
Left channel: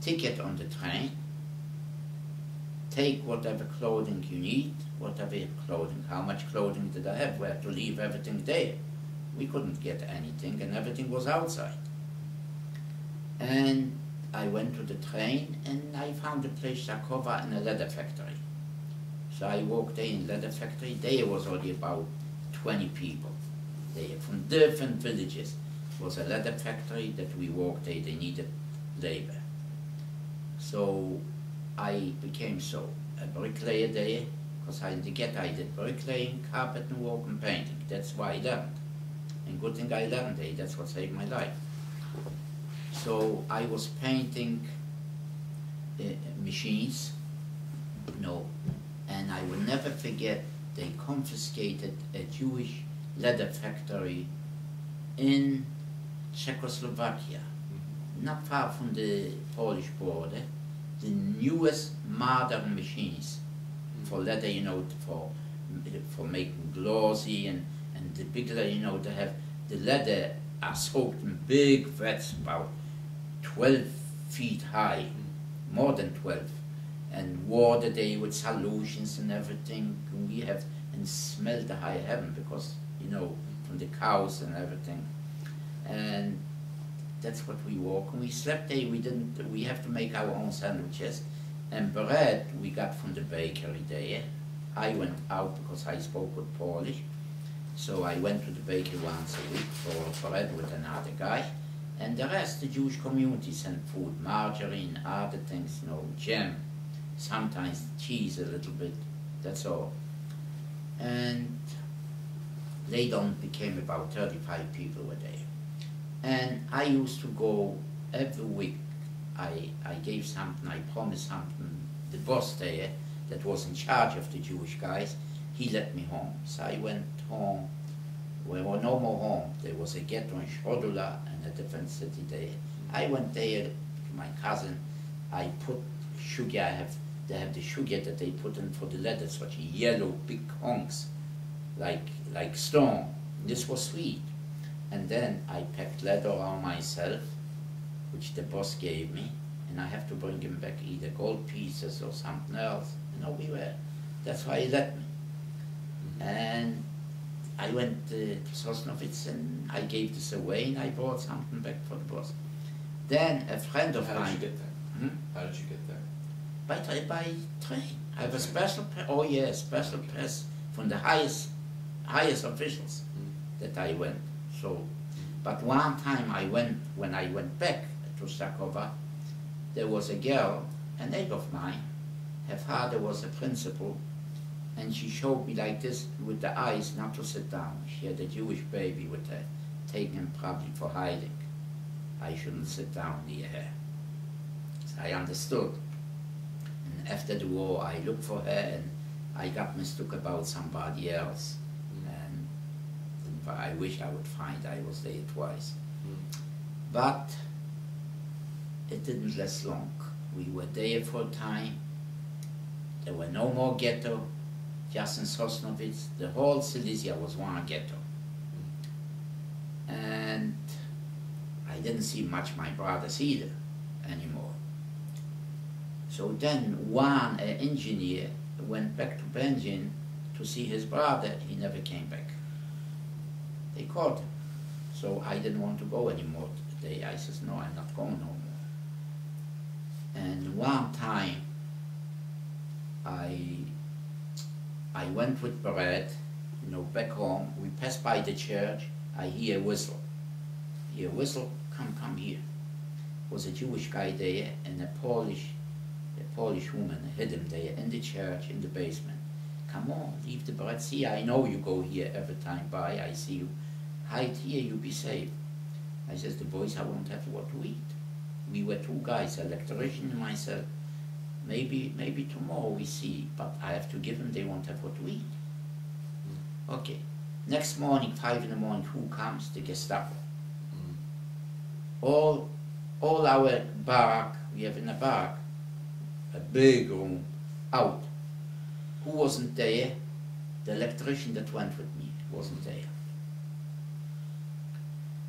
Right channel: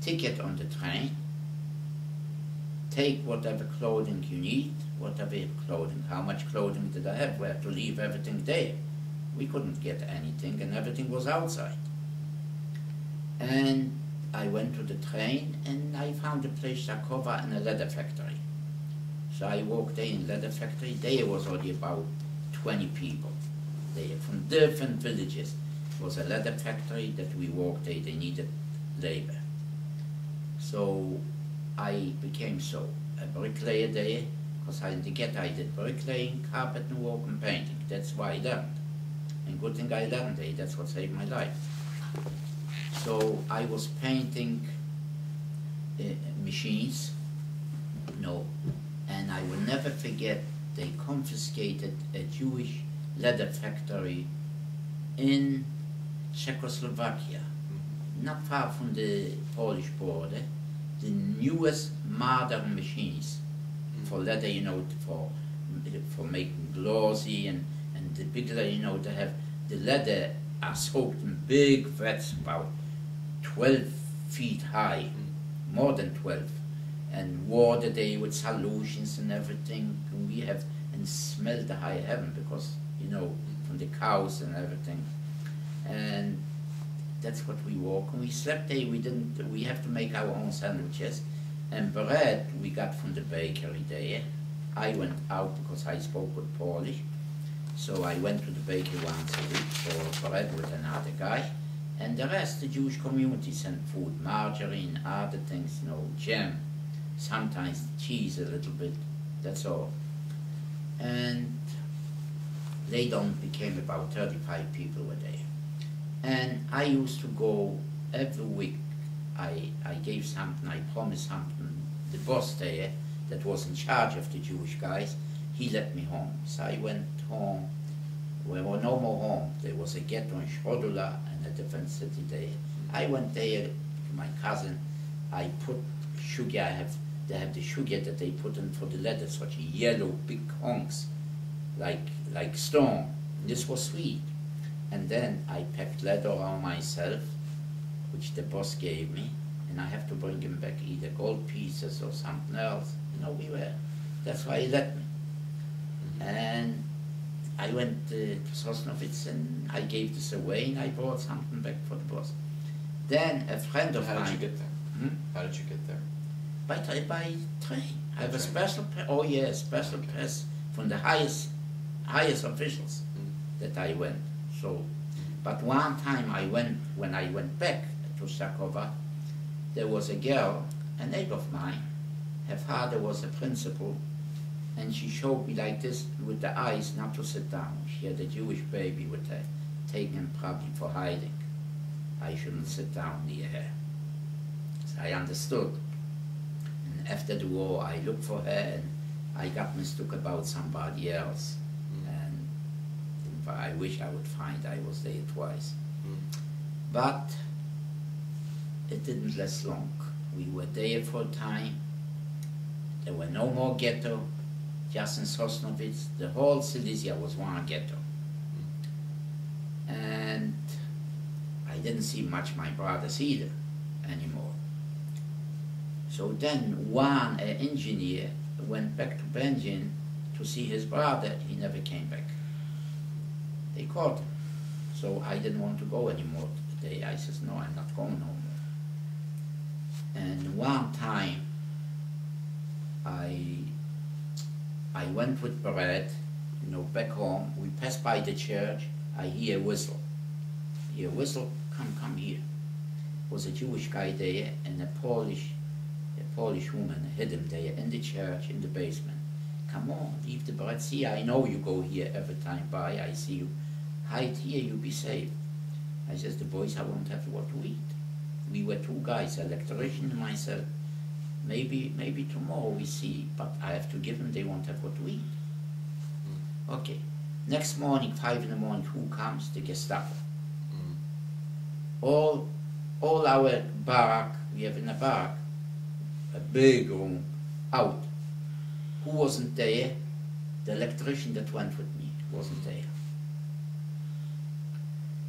ticket on the train, take whatever clothing you need, whatever clothing. How much clothing did I have? We had to leave everything there. We couldn't get anything, and everything was outside. And I went to the train, and I found a place, Shakova, in a leather factory. So I worked there in leather factory. There was only about 20 people there from different villages. It was a leather factory that we worked there. They needed labor. So I became a bricklayer there, because in the ghetto I did bricklaying, carpet work, and painting. That's why I learned. And good thing I learned there. That's what saved my life. So I was painting machines, and I will never forget, they confiscated a Jewish leather factory in Czechoslovakia, not far from the Polish border. The newest modern machines for leather, for making glossy and the big leather, they have the leather are soaked in big vats about 12 feet high, more than 12, and water there with solutions and everything. We have and smell the high heaven because from the cows and everything, and that's what we walk. And we slept there. We have to make our own sandwiches, and bread we got from the bakery there. I went out because I spoke good Polish, so I went to the bakery once a week for bread with another guy, and the rest the Jewish community sent food, margarine, other things, jam, sometimes cheese a little bit. That's all. And later on became about 35 people were there. And I used to go every week. I gave something, I promised something. The boss there, that was in charge of the Jewish guys, he let me home. So I went home. We were no more home. There was a ghetto in Schrodula and a different city there. I went there to my cousin. I put sugar. They have the sugar that they put in for the leather, such a yellow big honks, like stone. This was sweet. And then I packed leather around myself, which the boss gave me, and I have to bring him back either gold pieces or something else. That's why he let me. And I went to Sosnovitz and I gave this away and I brought something back for the boss. Then a friend of mine... How did you get there? How did you get there? By train. I have a special special pass from the highest highest officials that I went. So, but one time when I went back to Sakova, there was a girl, a neighbor of mine. Her father was a principal, and she showed me like this with the eyes not to sit down. She had a Jewish baby with her, taking him probably for hiding. I shouldn't sit down near her. So I understood. And after the war, I looked for her, and I got mistook about somebody else. And I wish I would find I was there twice. But it didn't last long. We were there for a time. There were no more ghetto, just in Sosnovitz. The whole Silesia was one ghetto. And I didn't see much my brothers either anymore. So then one engineer went back to Benjin to see his brother. He never came back. They caught him. So I didn't want to go anymore today. I said, no, I'm not going no more. And one time I went with Barrett, back home. We passed by the church. I hear a whistle. Hear a whistle, come here. Was a Jewish guy there, and a Polish woman hid him there in the church, in the basement. Come on, leave the Barrett. See, I know you go here every time by. I see you. Hide here, you be safe. I says, the boys, I won't have what to eat. We were two guys, electrician and myself. Maybe tomorrow we see, but I have to give them, they won't have what to eat. Okay. Next morning, 5 in the morning, who comes? The Gestapo. All our barrack, we have in a barrack, a big room, out. Who wasn't there? The electrician that went with me wasn't there.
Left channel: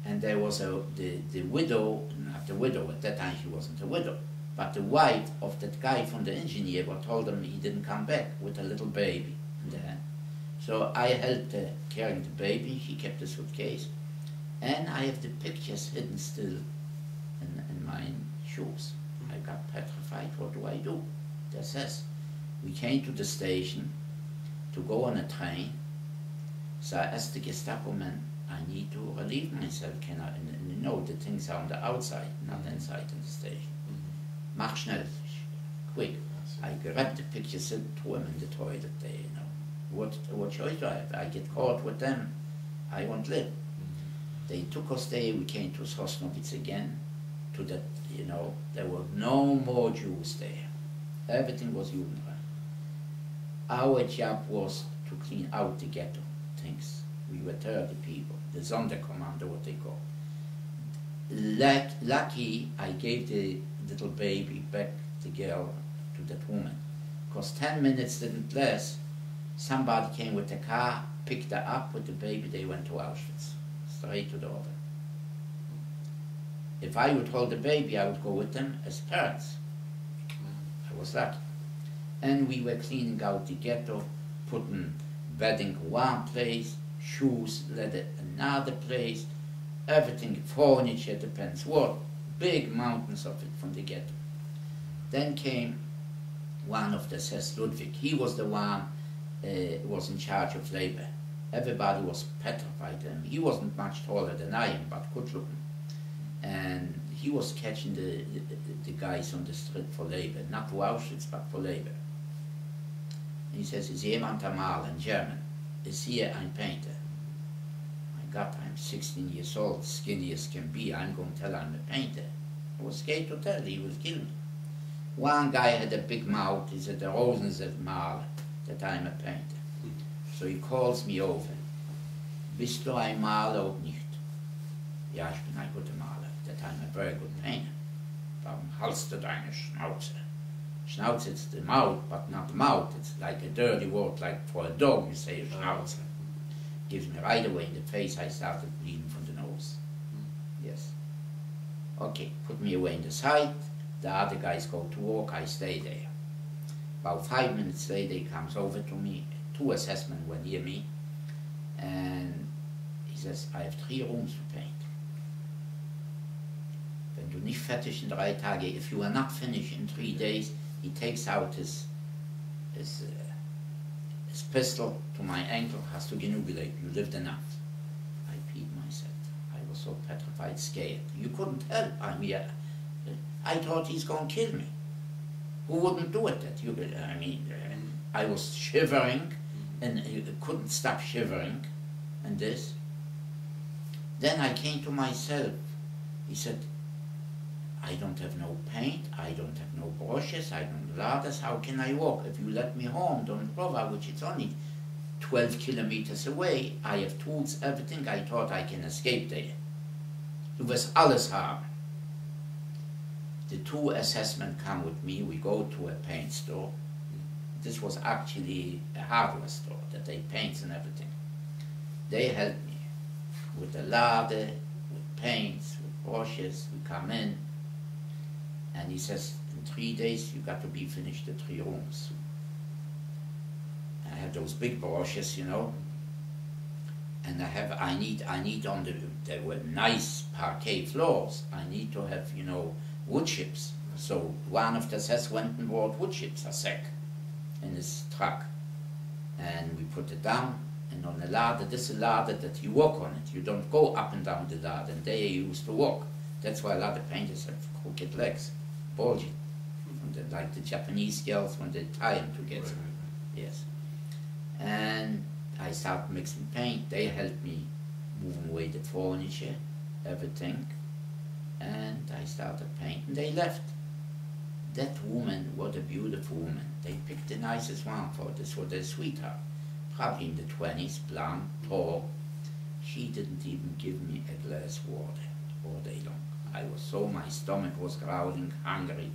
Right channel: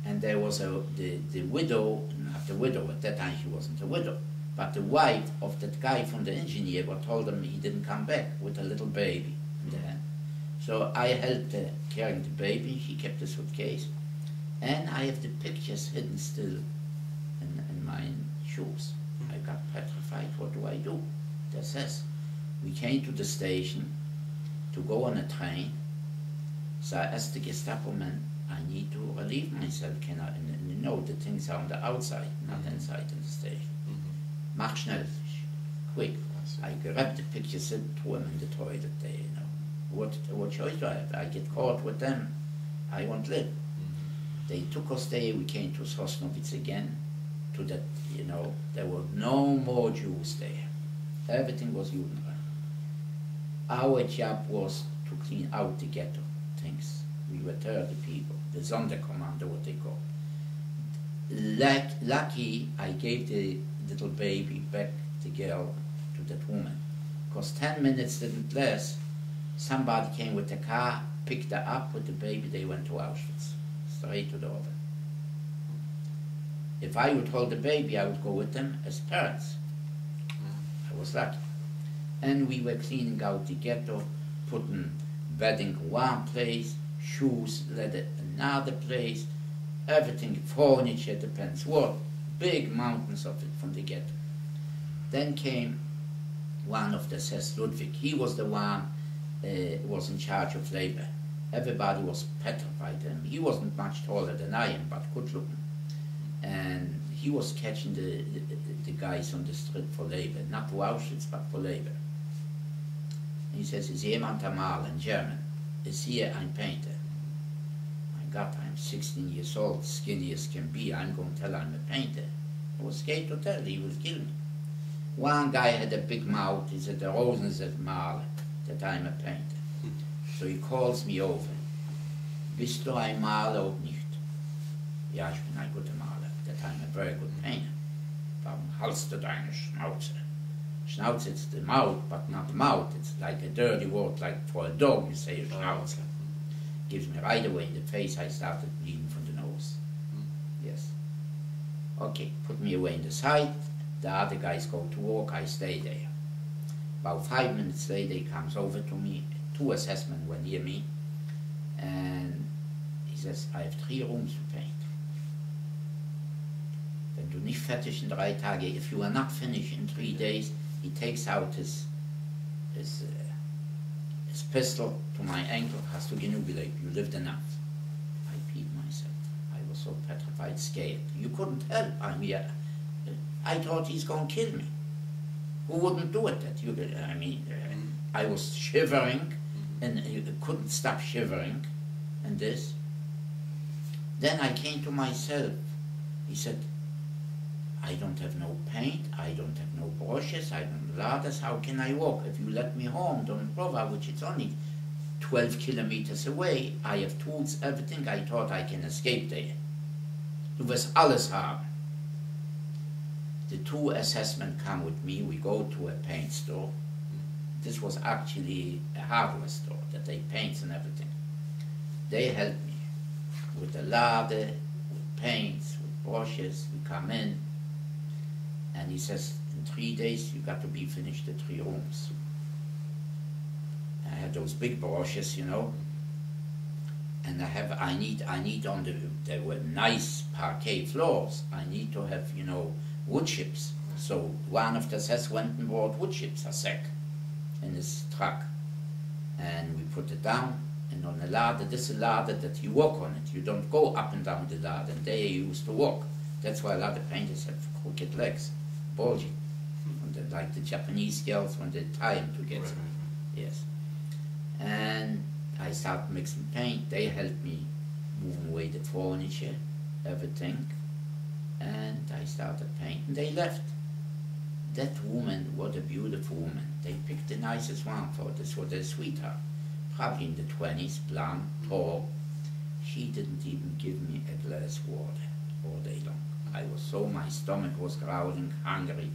And there was the widow, not the widow, at that time she wasn't a widow, but the wife of that guy from the engineer what told him he didn't come back with a little baby in the hand. So I helped her carrying the baby. She kept the suitcase. And I have the pictures hidden still in my shoes. I got petrified. What do I do? That says, we came to the station to go on a train. So I asked the Gestapo man, I need to relieve myself. Can I? And the things are on the outside, not inside in the station. Mach schnell, quick. I grabbed the pictures and threw them in the toilet there, What choice do I have? I get caught with them. I won't live. They took us there. We came to Sosnovitz again. To that, there were no more Jews there. Everything was Judenrein. Our job was to clean out the ghetto things. We were 30 people. The Sonderkommando, what they call. Lucky, I gave the little baby back, the girl, to that woman. Because 10 minutes didn't last. Somebody came with the car, picked her up with the baby, they went to Auschwitz, straight to the oven. If I would hold the baby, I would go with them as parents. I was lucky. And we were cleaning out the ghetto, putting bedding in one place, shoes, leather another place, everything, furniture, depends what, big mountains of it from the ghetto. Then came one of the Sess Ludwig. He was the one was in charge of labor. Everybody was petrified of him. He wasn't much taller than I am, but good looking. And he was catching the guys on the street for labor, not to Auschwitz, but for labor. And he says, is jemand am Malen, in German? Is here ein painter? My God, I'm 16 years old, skinny as can be. I'm going to tell I'm a painter. I was scared to tell, he will kill me. One guy had a big mouth. He said, the Rosen is a Maler, that I'm a painter. So he calls me over. Bist du ein Maler oder nicht? Ja, ich bin ein guter Maler. That I'm a very good painter. Warum halst du deine Schnauze? Schnauze, it's the mouth, but not mouth. It's like a dirty word, like for a dog you say a Schnauze. Gives me right away in the face. I started bleeding from the nose. Yes. Okay, put me away in the side. The other guys go to work, I stay there. About 5 minutes later, he comes over to me. 2 assessmen were near me. And he says, I have 3 rooms to paint. Wenn du nicht fertig in 3 Tage, if you are not finished in 3 days, he takes out his his pistol to my ankle, hast du genug gelebt, you lived enough. I peed myself. I was so petrified, scared. You couldn't help. I thought he's going to kill me. Who wouldn't do it? I was shivering, and couldn't stop shivering, and this. Then I came to myself. He said, I don't have no paint, I don't have no brushes, I don't ladders, how can I walk? If you let me home, don't bother, which it's only 12 kilometers away, I have tools, everything, I thought I can escape there. Du wirst alles haben. The two assessmen come with me, we go to a paint store. This was actually a hardware store that they paints and everything. They helped me with the ladder, with paints, with brushes, we come in. And he says, in 3 days, you got to be finished the 3 rooms. I have those big brushes, you know. And I need on there were nice parquet floors. I need to have, you know, wood chips. So one of the assessors went and bought wood chips, a sack, in his truck. And we put it down, and on a ladder, this is a ladder that you walk on it. You don't go up and down the ladder, and they used to walk. That's why a lot of painters have crooked legs. Bulging, like the Japanese girls when they tie them together. Right. Yes. And I started mixing paint. They helped me moving away the furniture, everything. And I started painting. They left. That woman, what a beautiful woman. They picked the nicest one for this was their sweetheart. Probably in the 20s, blonde, tall. She didn't even give me a glass of water all day long. I was so, my stomach was growling, hungry,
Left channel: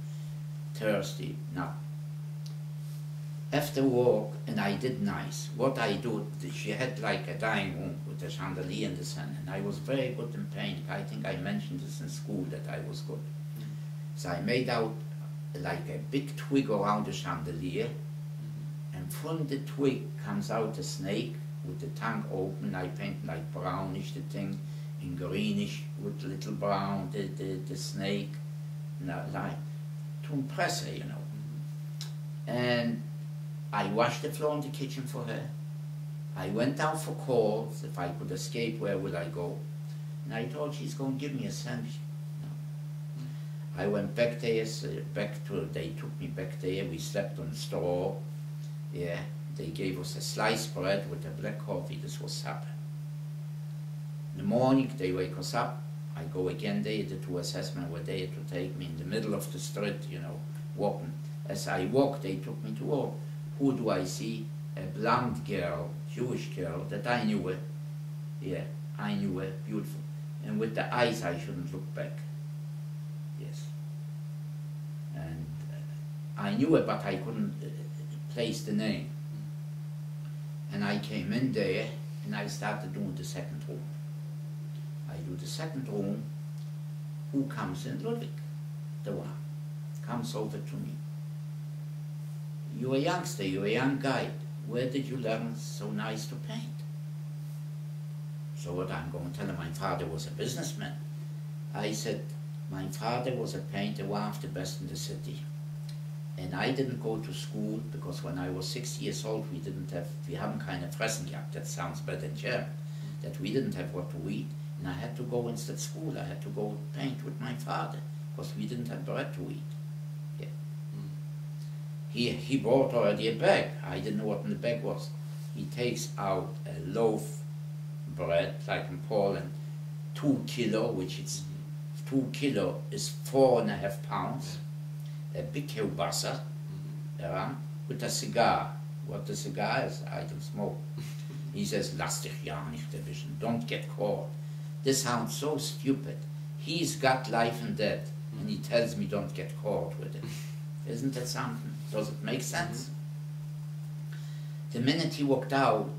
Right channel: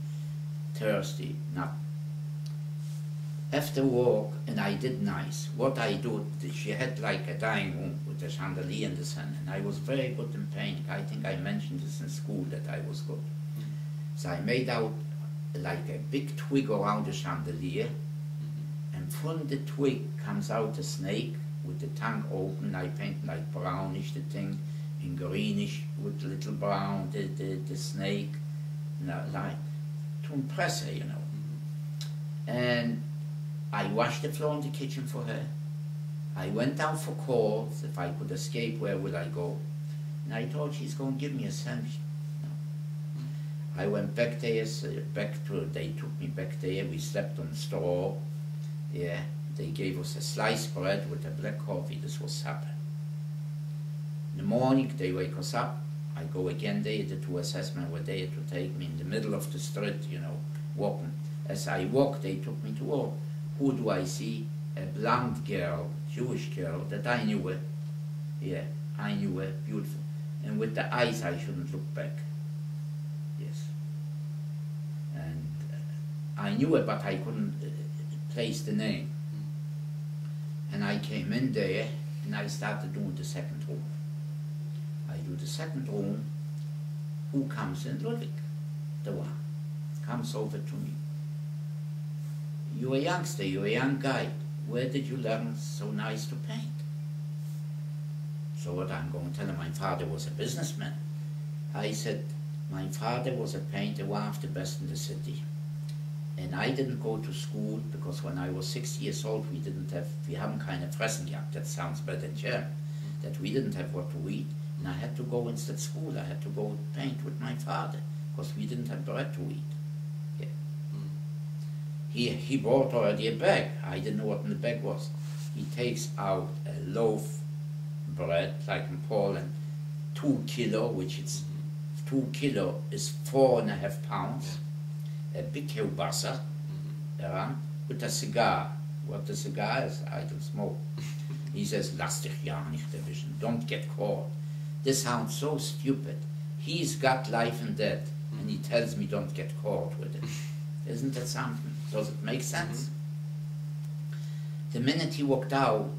thirsty, nothing. After work, and I did nice. What I do, she had like a dining room with a chandelier in the center, and I was very good in painting. I think I mentioned this in school that I was good. So I made out like a big twig around the chandelier, and from the twig comes out a snake with the tongue open. I paint like brownish the thing, in greenish with little brown, the snake, like to impress her, you know. And I washed the floor in the kitchen for her. I went down for calls. If I could escape, where would I go? And I thought she's going to give me a sandwich. No. I went back there, they took me back there. We slept on straw. Yeah, they gave us a sliced bread with a black coffee. This was supper. In the morning, they wake us up. I go again there. The 2 assessmen were there to take me in the middle of the street, you know, walking. As I walked, they took me to walk. Who do I see? A blonde girl, Jewish girl, that I knew her. Yeah, I knew her, beautiful. And with the eyes, I shouldn't look back. Yes. And I knew her, but I couldn't place the name. And I came in there, and I started doing the second room. I do the second room. Who comes in? Ludwig, the one, comes over to me. You're a youngster, you're a young guy. Where did you learn so nice to paint? So what I'm going to tell him, my father was a businessman. I said, my father was a painter, one of the best in the city. And I didn't go to school because when I was 6 years old, we haben keine Fressen gehabt. That sounds better in German. That we didn't have what to eat. And I had to go instead school. I had to go paint with my father because we didn't have bread to eat. Yeah. He bought already a bag. I didn't know what in the bag was. He takes out a loaf bread, like in Poland, 2 kilo, which is 2 kilo is 4.5 pounds. A big kielbasa, with a cigar. What the cigar is, I don't smoke. He says, lass dich ja nicht erwischen, don't get caught. This sounds so stupid. He's got life and death, and he tells me don't get caught with it. Isn't that something? Does it make sense? The minute he walked out,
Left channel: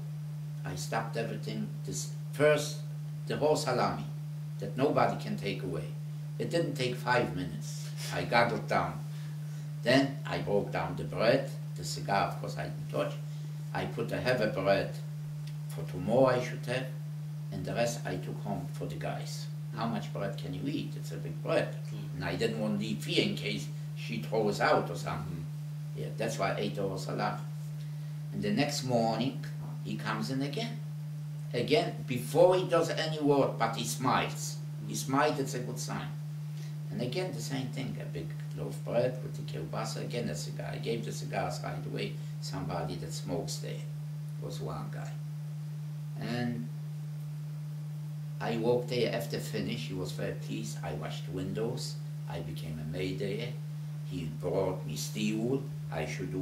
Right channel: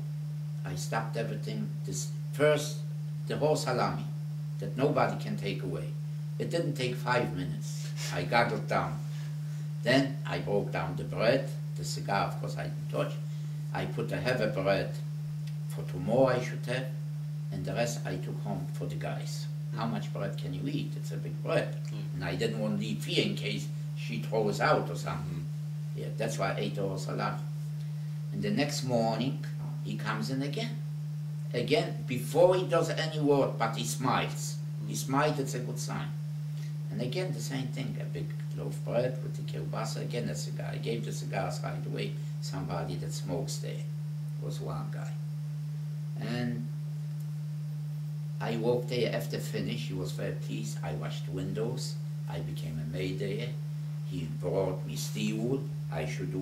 I stopped everything. The whole salami, that nobody can take away. It didn't take 5 minutes. I gobbled down. Then I broke down the bread, the cigar, of course I didn't touch. I put a heavy bread for tomorrow I should have, and the rest I took home for the guys. How much bread can you eat? It's a big bread. And I didn't want to leave here in case she throws out or something. Yeah, that's why I ate the whole salami. And the next morning, he comes in again. Again, before he does any word, but he smiles. He smiles, it's a good sign. And again, the same thing, a big loaf of bread with the kielbasa, again a cigar. I gave the cigars right away, somebody that smokes there. Was one guy. And I walked there after finish, he was very pleased. I washed windows, I became a maid there. He brought me steel wool, I should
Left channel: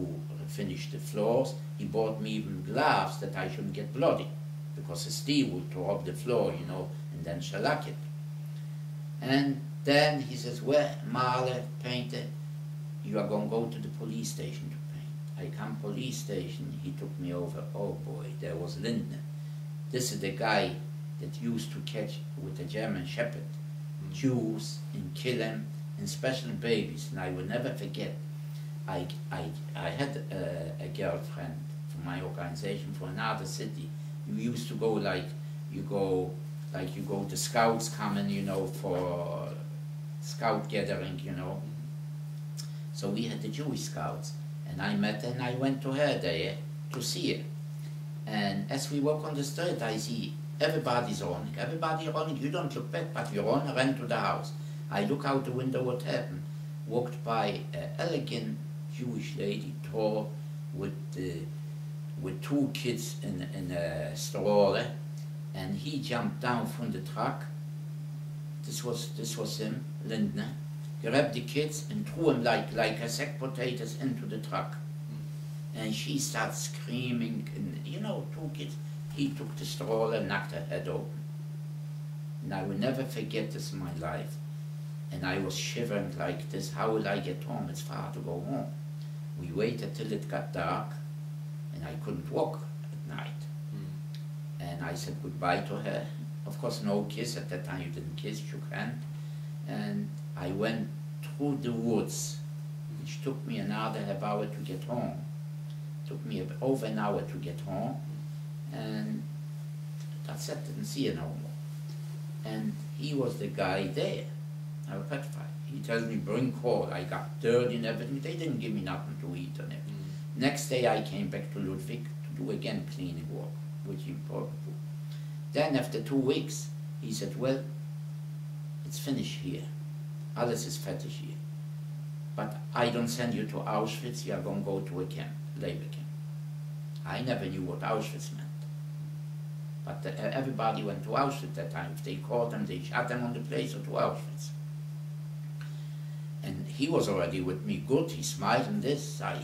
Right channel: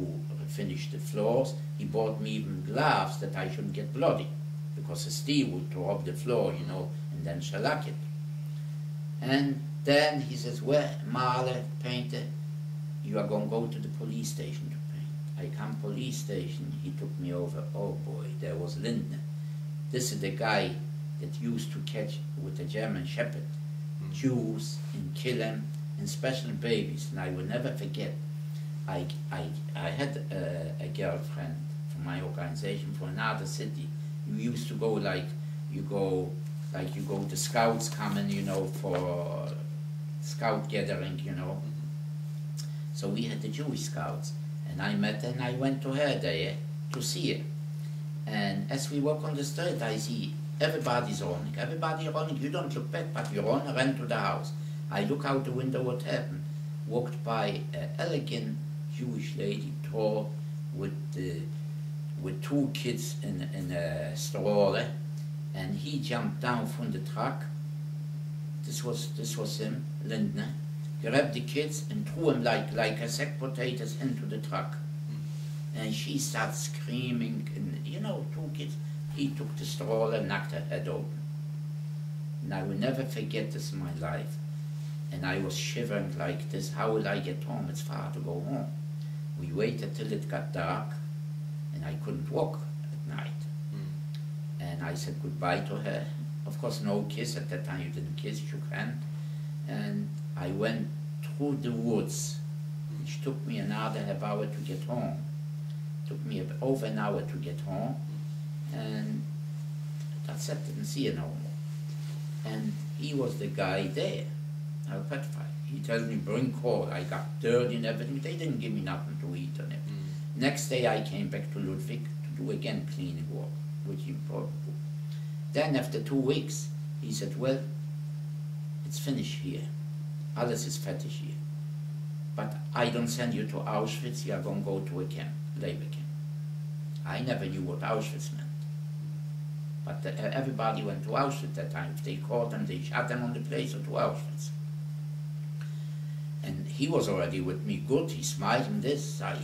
finish the floors. He bought me even gloves that I shouldn't get bloody, because the steel wool tore up the floor, you know, and then shellac it. And then he says, well, Marle, painter, you are going to go to the police station to paint. I come police station, he took me over, oh boy, there was Lindner. This is the guy that used to catch with the German Shepherd, Jews and kill them, and special babies. And I will never forget, I had a girlfriend from my organization from another city. You used to go like, you go, the scouts coming, you know, for scout gathering, you know. So we had the Jewish scouts. And I met her and I went to her there to see her. And as we walk on the street, I see everybody's running. Everybody running. You don't look back, but you ran to the house. I look out the window, what happened? Walked by an elegant Jewish lady, tall, with two kids in a stroller. And he jumped down from the truck. This was him, Lindner. Grabbed the kids and threw them like a sack potatoes into the truck. And she starts screaming, and you know, two kids. He took the stroller and knocked her head open. And I will never forget this in my life. And I was shivering like this. How will I get home? It's far to go home. We waited till it got dark, and I couldn't walk at night. And I said goodbye to her. Of course, no kiss. At that time, you didn't kiss, shook hand. And I went through the woods, which took me another half hour to get home. Took me over an hour to get home, and that's it, didn't see her no more. And he was the guy there. I was petrified. He tells me, bring coal. I got dirty and everything. They didn't give me nothing to eat and everything. Next day I came back to Ludwig to do again cleaning work, which is important. Then after 2 weeks, he said, well, it's finished here. Alles is fertig here. But I don't send you to Auschwitz, you are going to go to a camp, labor camp. I never knew what Auschwitz meant. But everybody went to Auschwitz at that time. If they caught them, they shot them on the place or to Auschwitz. And he was already with me good, he smiled and this. I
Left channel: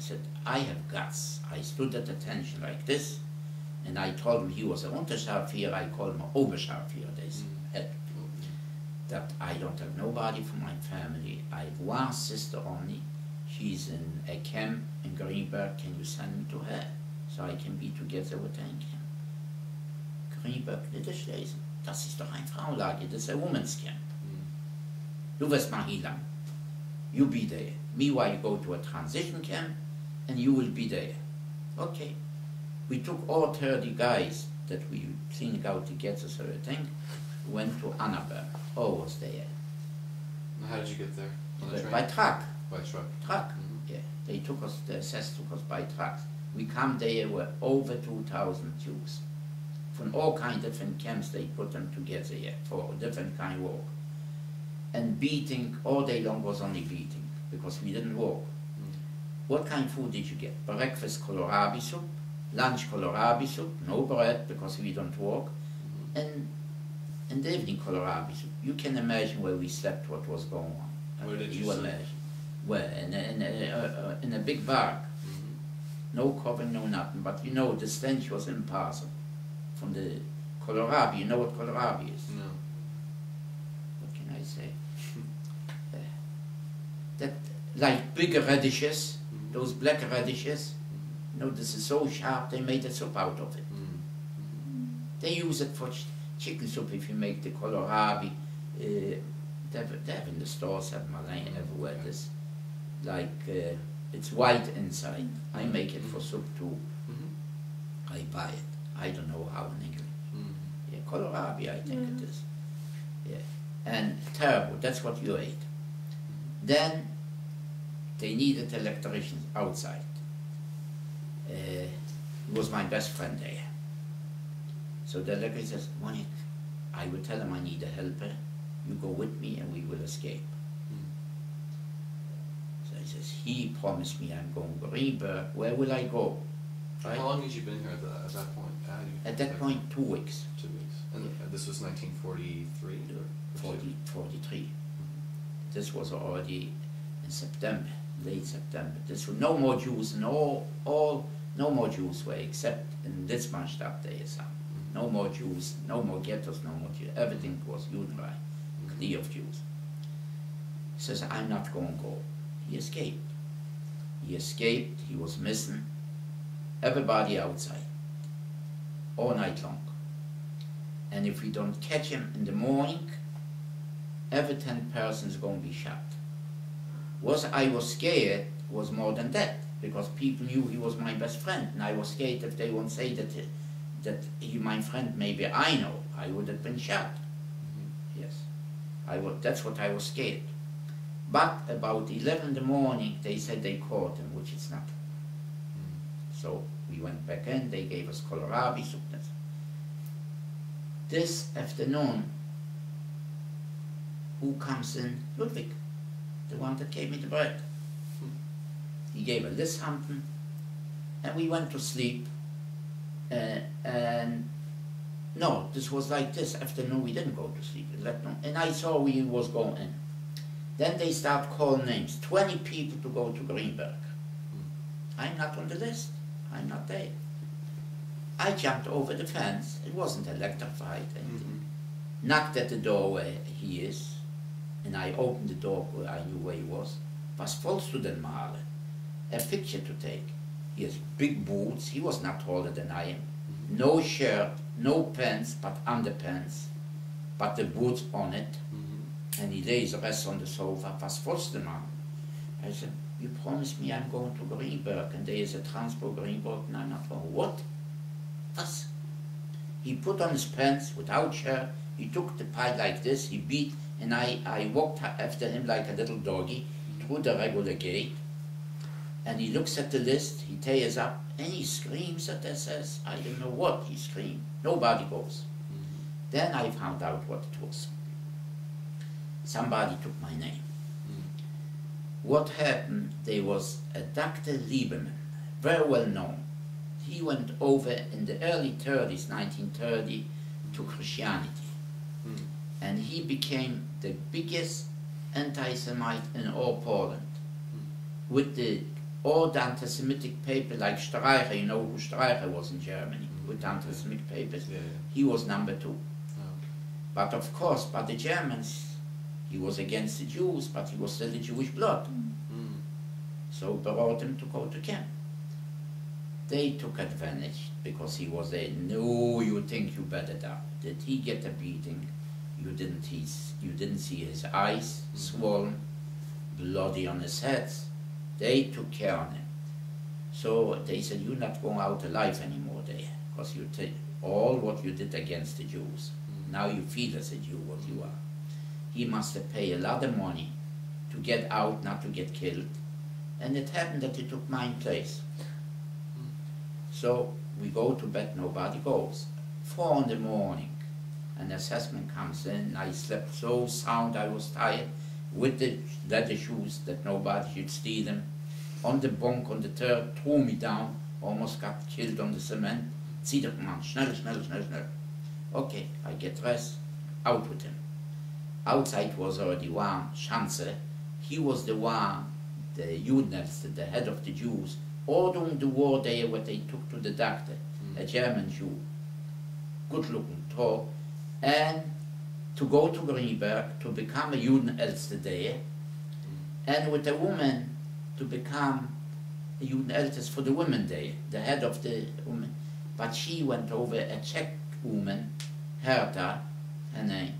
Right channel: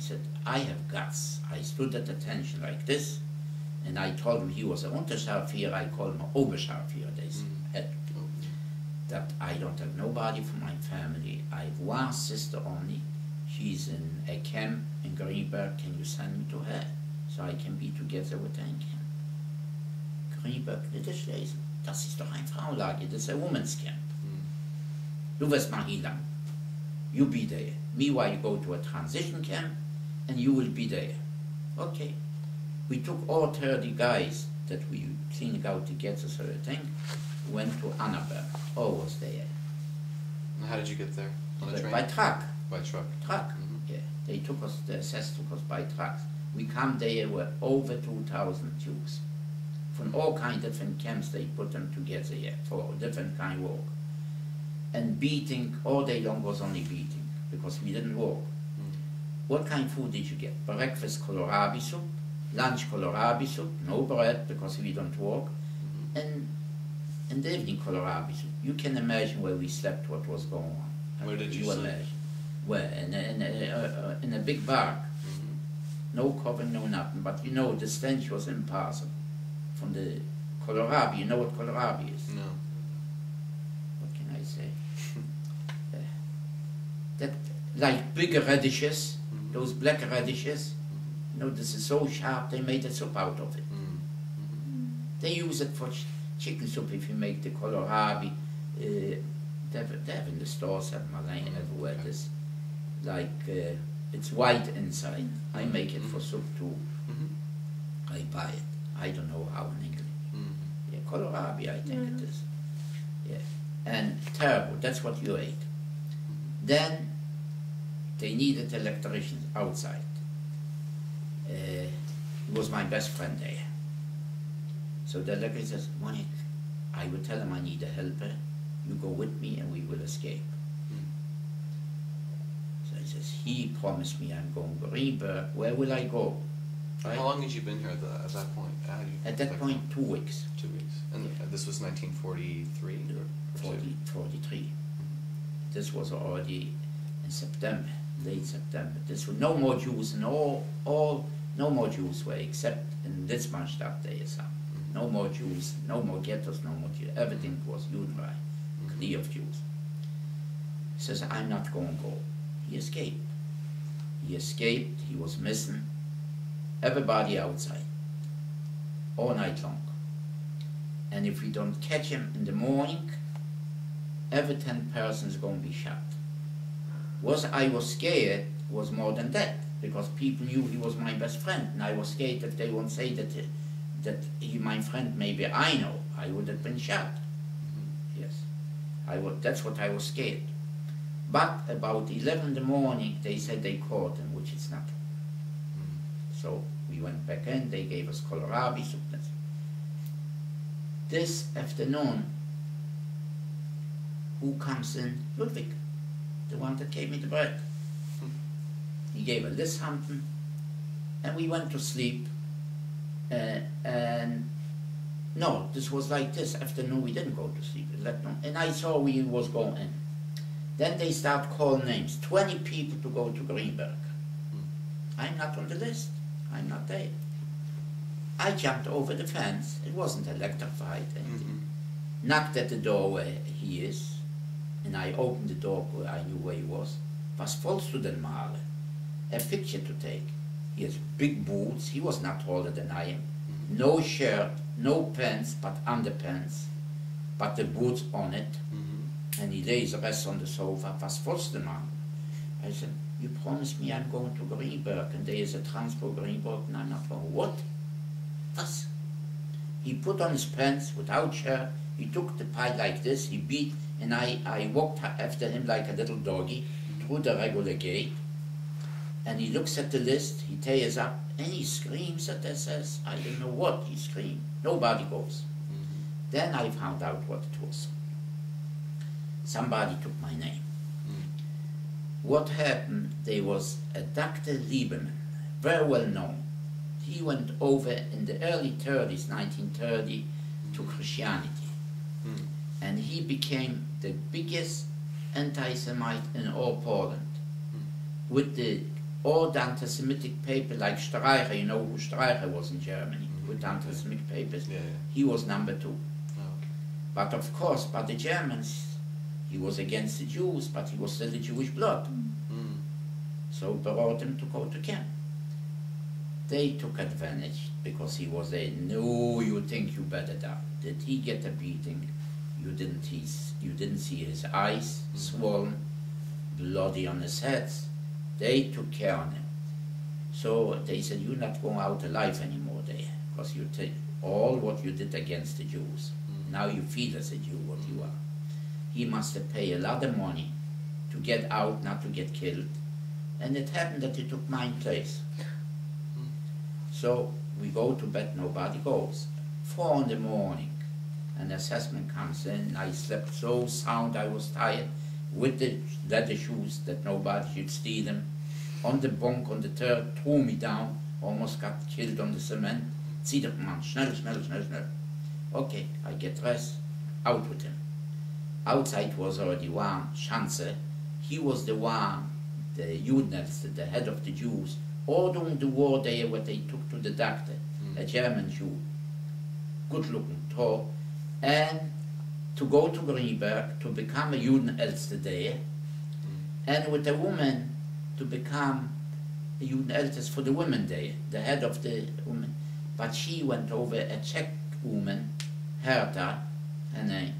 said, I have guts. I stood at attention like this, and I told him he was an Unterscharführer, I called him an Oberscharführer, they said. That I don't have nobody from my family. I have one sister only. She's in a camp in Greenberg. Can you send me to her? So I can be together with her in camp. Greenberg, Niederschlesien. Das ist doch ein Frauenlager. Das ist a woman's camp. Du wirst mal hier lang. You be there. Meanwhile, you go to a transition camp and you will be there. Okay. We took all 30 guys that we cleaned out to get us everything. Went to Annaberg. Oh, was there. How did you get there? On the train? By truck. By truck. Truck. Yeah. They took us, the SS took us by trucks. We come there, were over 2,000 Jews. From all kind of different camps, they put them together here for different kind of work. And beating, all day long was only beating, because we didn't work. What kind of food did you get? Breakfast kohlrabi soup, lunch kohlrabi soup, no bread, because we don't work. And in the evening kohlrabi soup. You can imagine where we slept, what was going on. Where did you sleep? Imagine. Where? In a big bark. No covering, no nothing. But you know, the stench was impossible. From the kohlrabi, you know what kohlrabi is? No. What can I say? That, like big radishes, those black radishes, you know, this is so sharp, they made a soup out of it. They use it for chicken soup if you make the kohlrabi. They have in the stores, have Malayan everywhere. Okay. This, like, it's white inside. I make it for soup too. I buy it. I don't know how in English. Yeah, kohlrabi, I think it is. Yeah, and terrible. That's what you ate. Then they needed electricians outside. he was my best friend there. So the Larkey says, Monique, I will tell him I need a helper. You go with me and we will escape. So he says, he promised me I'm going to Greenberg. Where will I go? Right? How long had you been here at that point? At that point, 2 weeks. 2 weeks. And this was 1943? Or 43. This was already in September, late September. This was no more Jews, and no more Jews were except in Litzmannstadt there is some. No more Jews, no more ghettos, no more Jews. Everything was Judenreich, clear of Jews. He says, I'm not going to go. He escaped. He escaped, he was missing. Everybody outside, all night long. And if we don't catch him in the morning, every 10 persons are going to be shot. I was scared was more than that, because people knew he was my best friend, and I was scared that they won't say that he my friend, maybe I know, I would have been shot. Yes, that's what I was scared. But about 11 in the morning, they said they caught him, which is not. So we went back in, they gave us kohlrabi soup. This afternoon, who comes in? Ludwig, the one that gave me the bread. He gave a list something, and we went to sleep. And no, this was like this afternoon. We didn't go to sleep. And I saw we was going in. Then they start calling names. 20 people to go to Greenberg. I'm not on the list. I'm not there. I jumped over the fence. It wasn't electrified. Knocked at the door where he is, and I opened the door where I knew where he was. Was volksstudentenmalen. A picture to take. He has big boots. He was not taller than I am. No shirt, no pants, but underpants, but the boots on it. And he lays the rest on the sofa. Was volksstudentenmalen. I said, you promised me I'm going to Greenberg, and there is a transport Greenberg, and I'm not going. What? Was? He put on his pants without shirt. He took the pie like this. He beat, and I walked after him like a little doggy through the regular gate. And he looks at the list. He tears up, and he screams at SS. I don't know what he screamed. Nobody goes. Then I found out what it was. Somebody took my name. What happened, there was a Dr. Lieberman, very well known. He went over in the early 30s, 1930, to Christianity. And he became the biggest anti-Semite in all Poland. With the old anti-Semitic paper like Streicher, you know who Streicher was in Germany, with anti-Semitic papers. He was number 2. Oh, okay. But of course, by the Germans, he was against the Jews, but he was still the Jewish blood. So brought him to go to camp. They took advantage because he was there. No, you think you better die. Did he get a beating? You didn't see his eyes swollen, bloody on his head. They took care of him. So they said, you're not going out alive anymore there, because you take all what you did against the Jews. Now you feel as a Jew what you are. He must have paid a lot of money to get out, not to get killed. And it happened that he took my place. So we go to bed, nobody goes. 4 in the morning, an assessment comes in. I slept so sound, I was tired, with the leather shoes that nobody should steal them. On the bunk on the third, threw me down, almost got killed on the cement. Zieh doch man, schnell, schnell, schnell, schnell. Okay, I get dressed, out with him. Outside was already warm, Schanze. He was the one, the Judenälteste, the head of the Jews, all during the war there, what they took to the doctor, a German Jew, good-looking, tall, and to go to Greenberg to become a Judenälteste there, and with a woman to become a Judenälteste for the women there, the head of the woman. But she went over, a Czech woman, Herta, her name,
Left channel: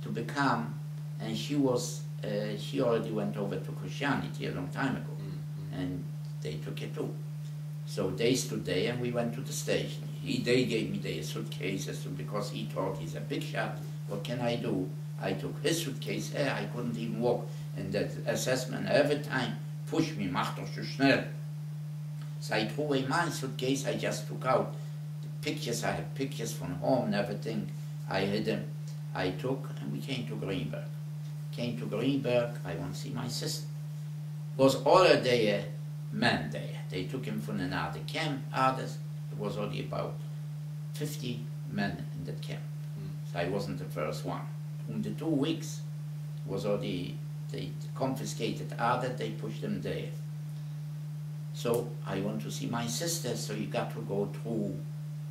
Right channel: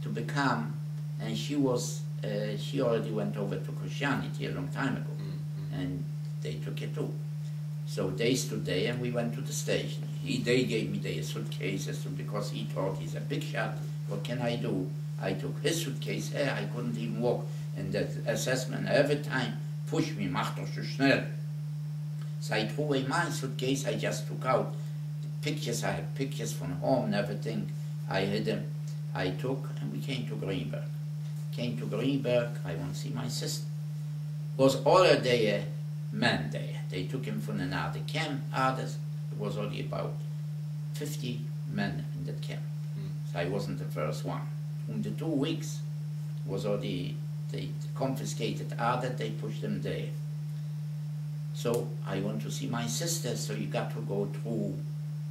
to become, and she already went over to Christianity a long time ago, and they took it too. So they stood there, and we went to the station. They gave me their suitcases because he thought he's a big shot. What can I do? I took his suitcase here. I couldn't even walk. And that assessment every time pushed me, mach doch so schnell. So I threw away my suitcase, I just took out the pictures, I had pictures from home and everything, I hid them, I took, and we came to Greenberg. Came to Greenberg, I want to see my sister. Was already a man there. They took him from another camp, others, it was only about 50 men in that camp. So I wasn't the first one. In the 2 weeks was already, they confiscated others, they pushed them there. So I want to see my sister, so you got to go through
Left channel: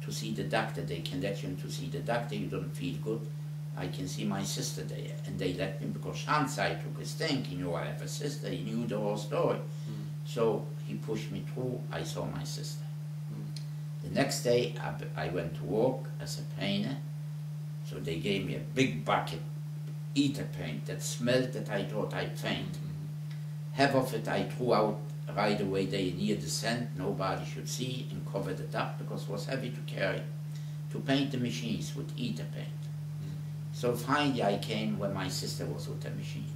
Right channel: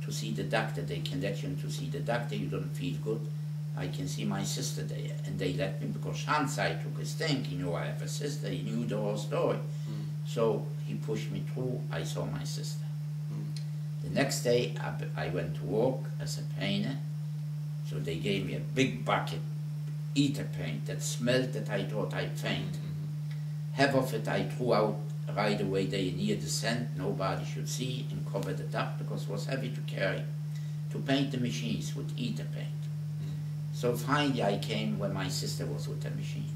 to see the doctor. They can let you to see the doctor, you don't feel good. I can see my sister there. And they let me, because Shansai took his thing, he knew I have a sister, he knew the whole story. So he pushed me through, I saw my sister. The next day I went to work as a painter, so they gave me a big bucket, ether paint, that smelled that I thought I'd faint. Half of it I threw out right away there near the sand, nobody should see, and covered it up because it was heavy to carry, to paint the machines with ether paint. So finally I came when my sister was with the machine.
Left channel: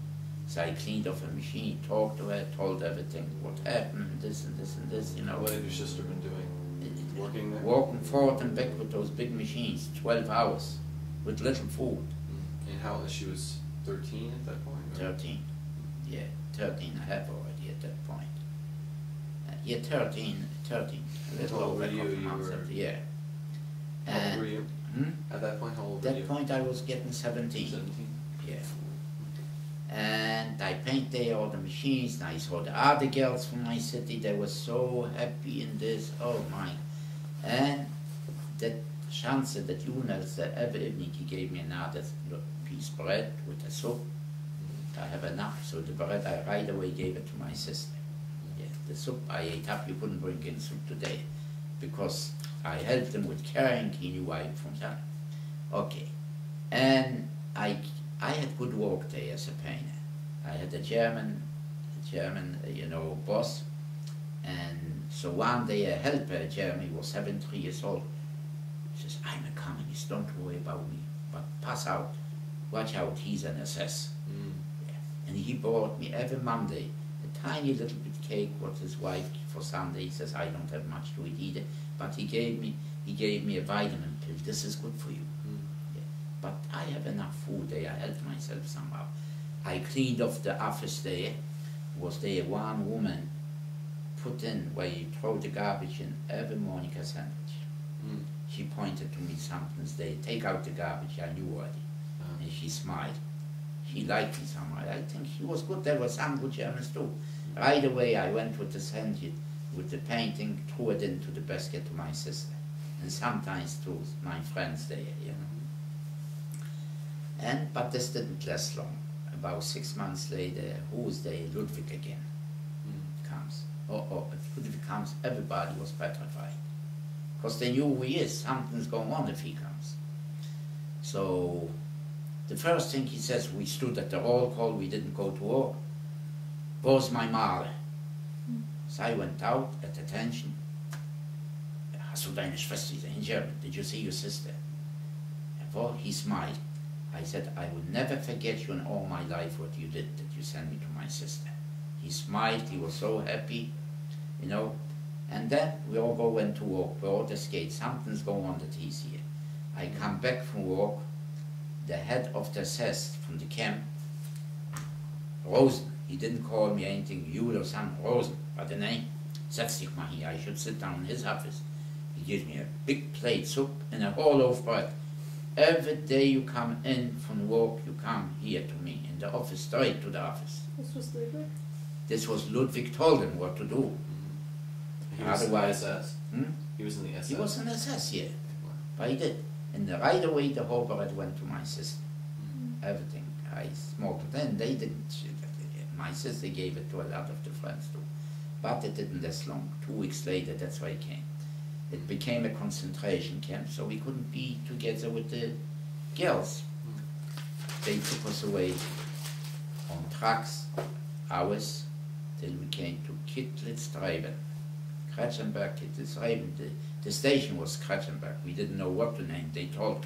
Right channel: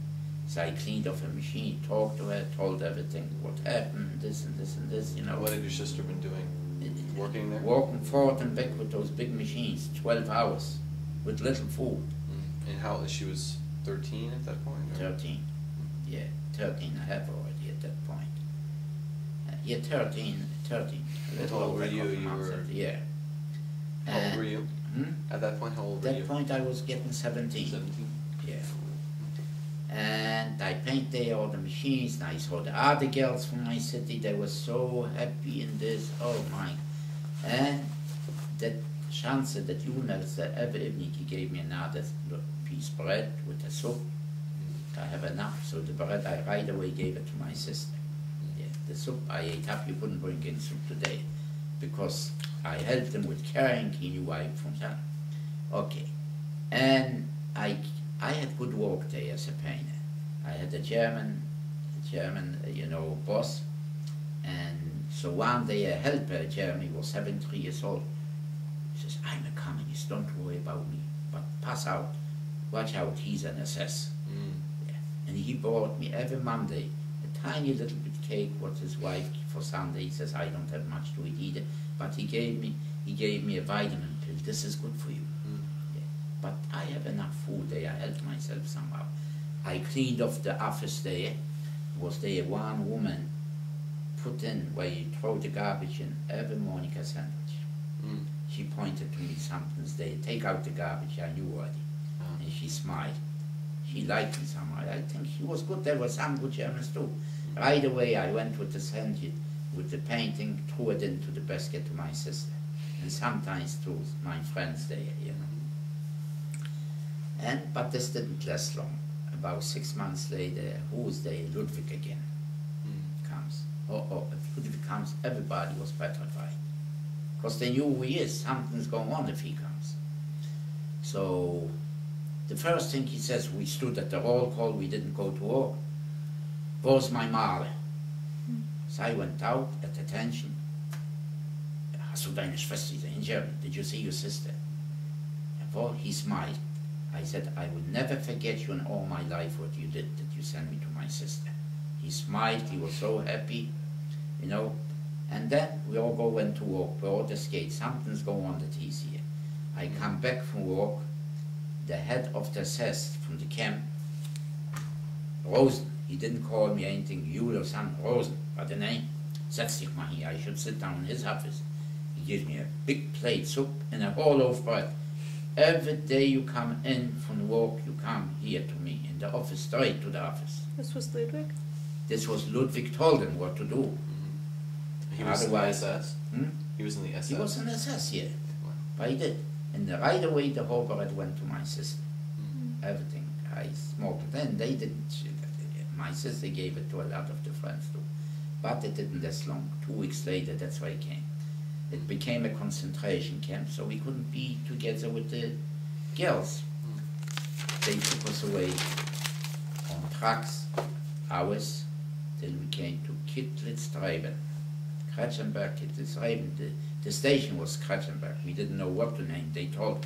So I cleaned off a machine, talked to her, told everything, what happened, this and this and this, you know. What had your sister been doing? Working there? Walking forward and back with those big machines, 12 hours, with little food. And how, she was 13 at that point? Or? 13, yeah, 13 and a half already at that point. Yeah, 13, a little How old over were a you? couple months after, yeah. How old were you? At that point, how old were you? At that point I was getting 17. 17? Yeah. And I painted all the machines, and I saw the other girls from my city, they were so happy in this, oh my. And that chance, that Jonas, that every evening he gave me another piece of bread with a soup. I have enough, so the bread I right away gave it to my sister. Yeah, the soup I ate up, you couldn't bring in soup today, because I helped him with carrying, he knew I from that. Okay, and I had good work there as a painter. I had a German, you know, boss, and so one day a helper, Jeremy, was 73 years old. He says, I'm a communist, don't worry about me, but pass out, watch out, he's an SS. Yeah. And he brought me every Monday a tiny little bit cake, what his wife for Sunday. He says, I don't have much to eat either, but he gave me a vitamin pill, this is good for you. But I have enough food there, I helped myself somehow. I cleaned off the office there, was there one woman put in where you throw the garbage in every morning a sandwich. She pointed to me something's there, take out the garbage, I knew already. And she smiled. She liked me somehow, I think she was good, there were some good Germans too. Right away I went with the sandwich, with the painting, threw it into the basket to my sister. And sometimes to my friends there, you know. But this didn't last long. About 6 months later, who's there? Ludwig again comes. If Ludwig comes, everybody was petrified. Because they knew who he is, something's going on if he comes. So, the first thing he says, we stood at the roll call, we didn't go to war. Where's my mother? So I went out at attention. Hast du deine Schwester in German? Did you see your sister? Well, he smiled. I said, I will never forget you in all my life what you did, that you sent me to my sister. He smiled, he was so happy, you know. And then we all went to work, we all the skate, something's going on that he's here. I come back from work, the head of the SS from the camp, Rosen, he didn't call me anything, you or some Rosen, but the name, setz dich mal hier, I should sit down in his office. He gives me a big plate soup and a whole loaf of bread. Every day you come in from work, you come here to me, in the office, straight to the office. This was Ludwig? This was Ludwig told him what to do. He was Otherwise, in the SS? He was in the SS? He was in the SS, yeah. Wow. But he did. And right away the whole bread went to my sister. Everything. I smoked it. And they didn't. My sister gave it to a lot of the friends too. But it didn't last long. 2 weeks later, that's why he came. It became a concentration camp, so we couldn't be together with the girls. They took us away on trucks, hours, till we came to Kittlitz-Treiben. Kretschenberg, Kittlitz-Treiben, the station was Kretschenberg. We didn't know what to name. They told,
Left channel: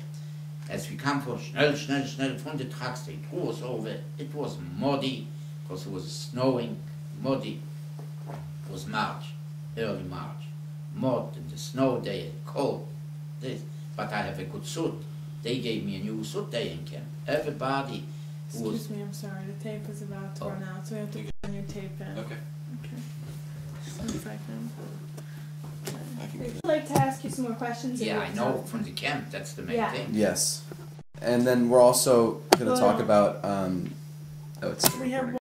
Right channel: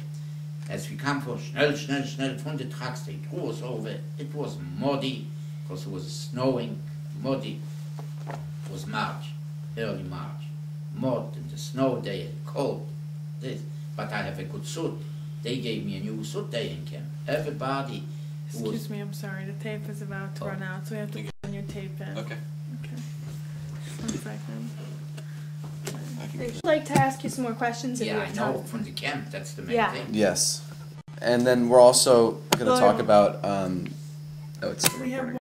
as we come for schnell, schnell, schnell from the trucks, they threw us over. It was muddy, because it was snowing, muddy. It was March. early March. Mud and the snow day, cold, this. But I have a good suit. They gave me a new suit day in camp. Everybody who was... Excuse me, I'm sorry. The tape is about to run out, so we have to put your tape in. Okay. Okay. 1 second. I'd like to ask you some more questions. if Yeah, you I have know time. from the camp, that's the main Yeah. thing. Yes. And then we're also going to talk Well- about, oh, it's still We have recording.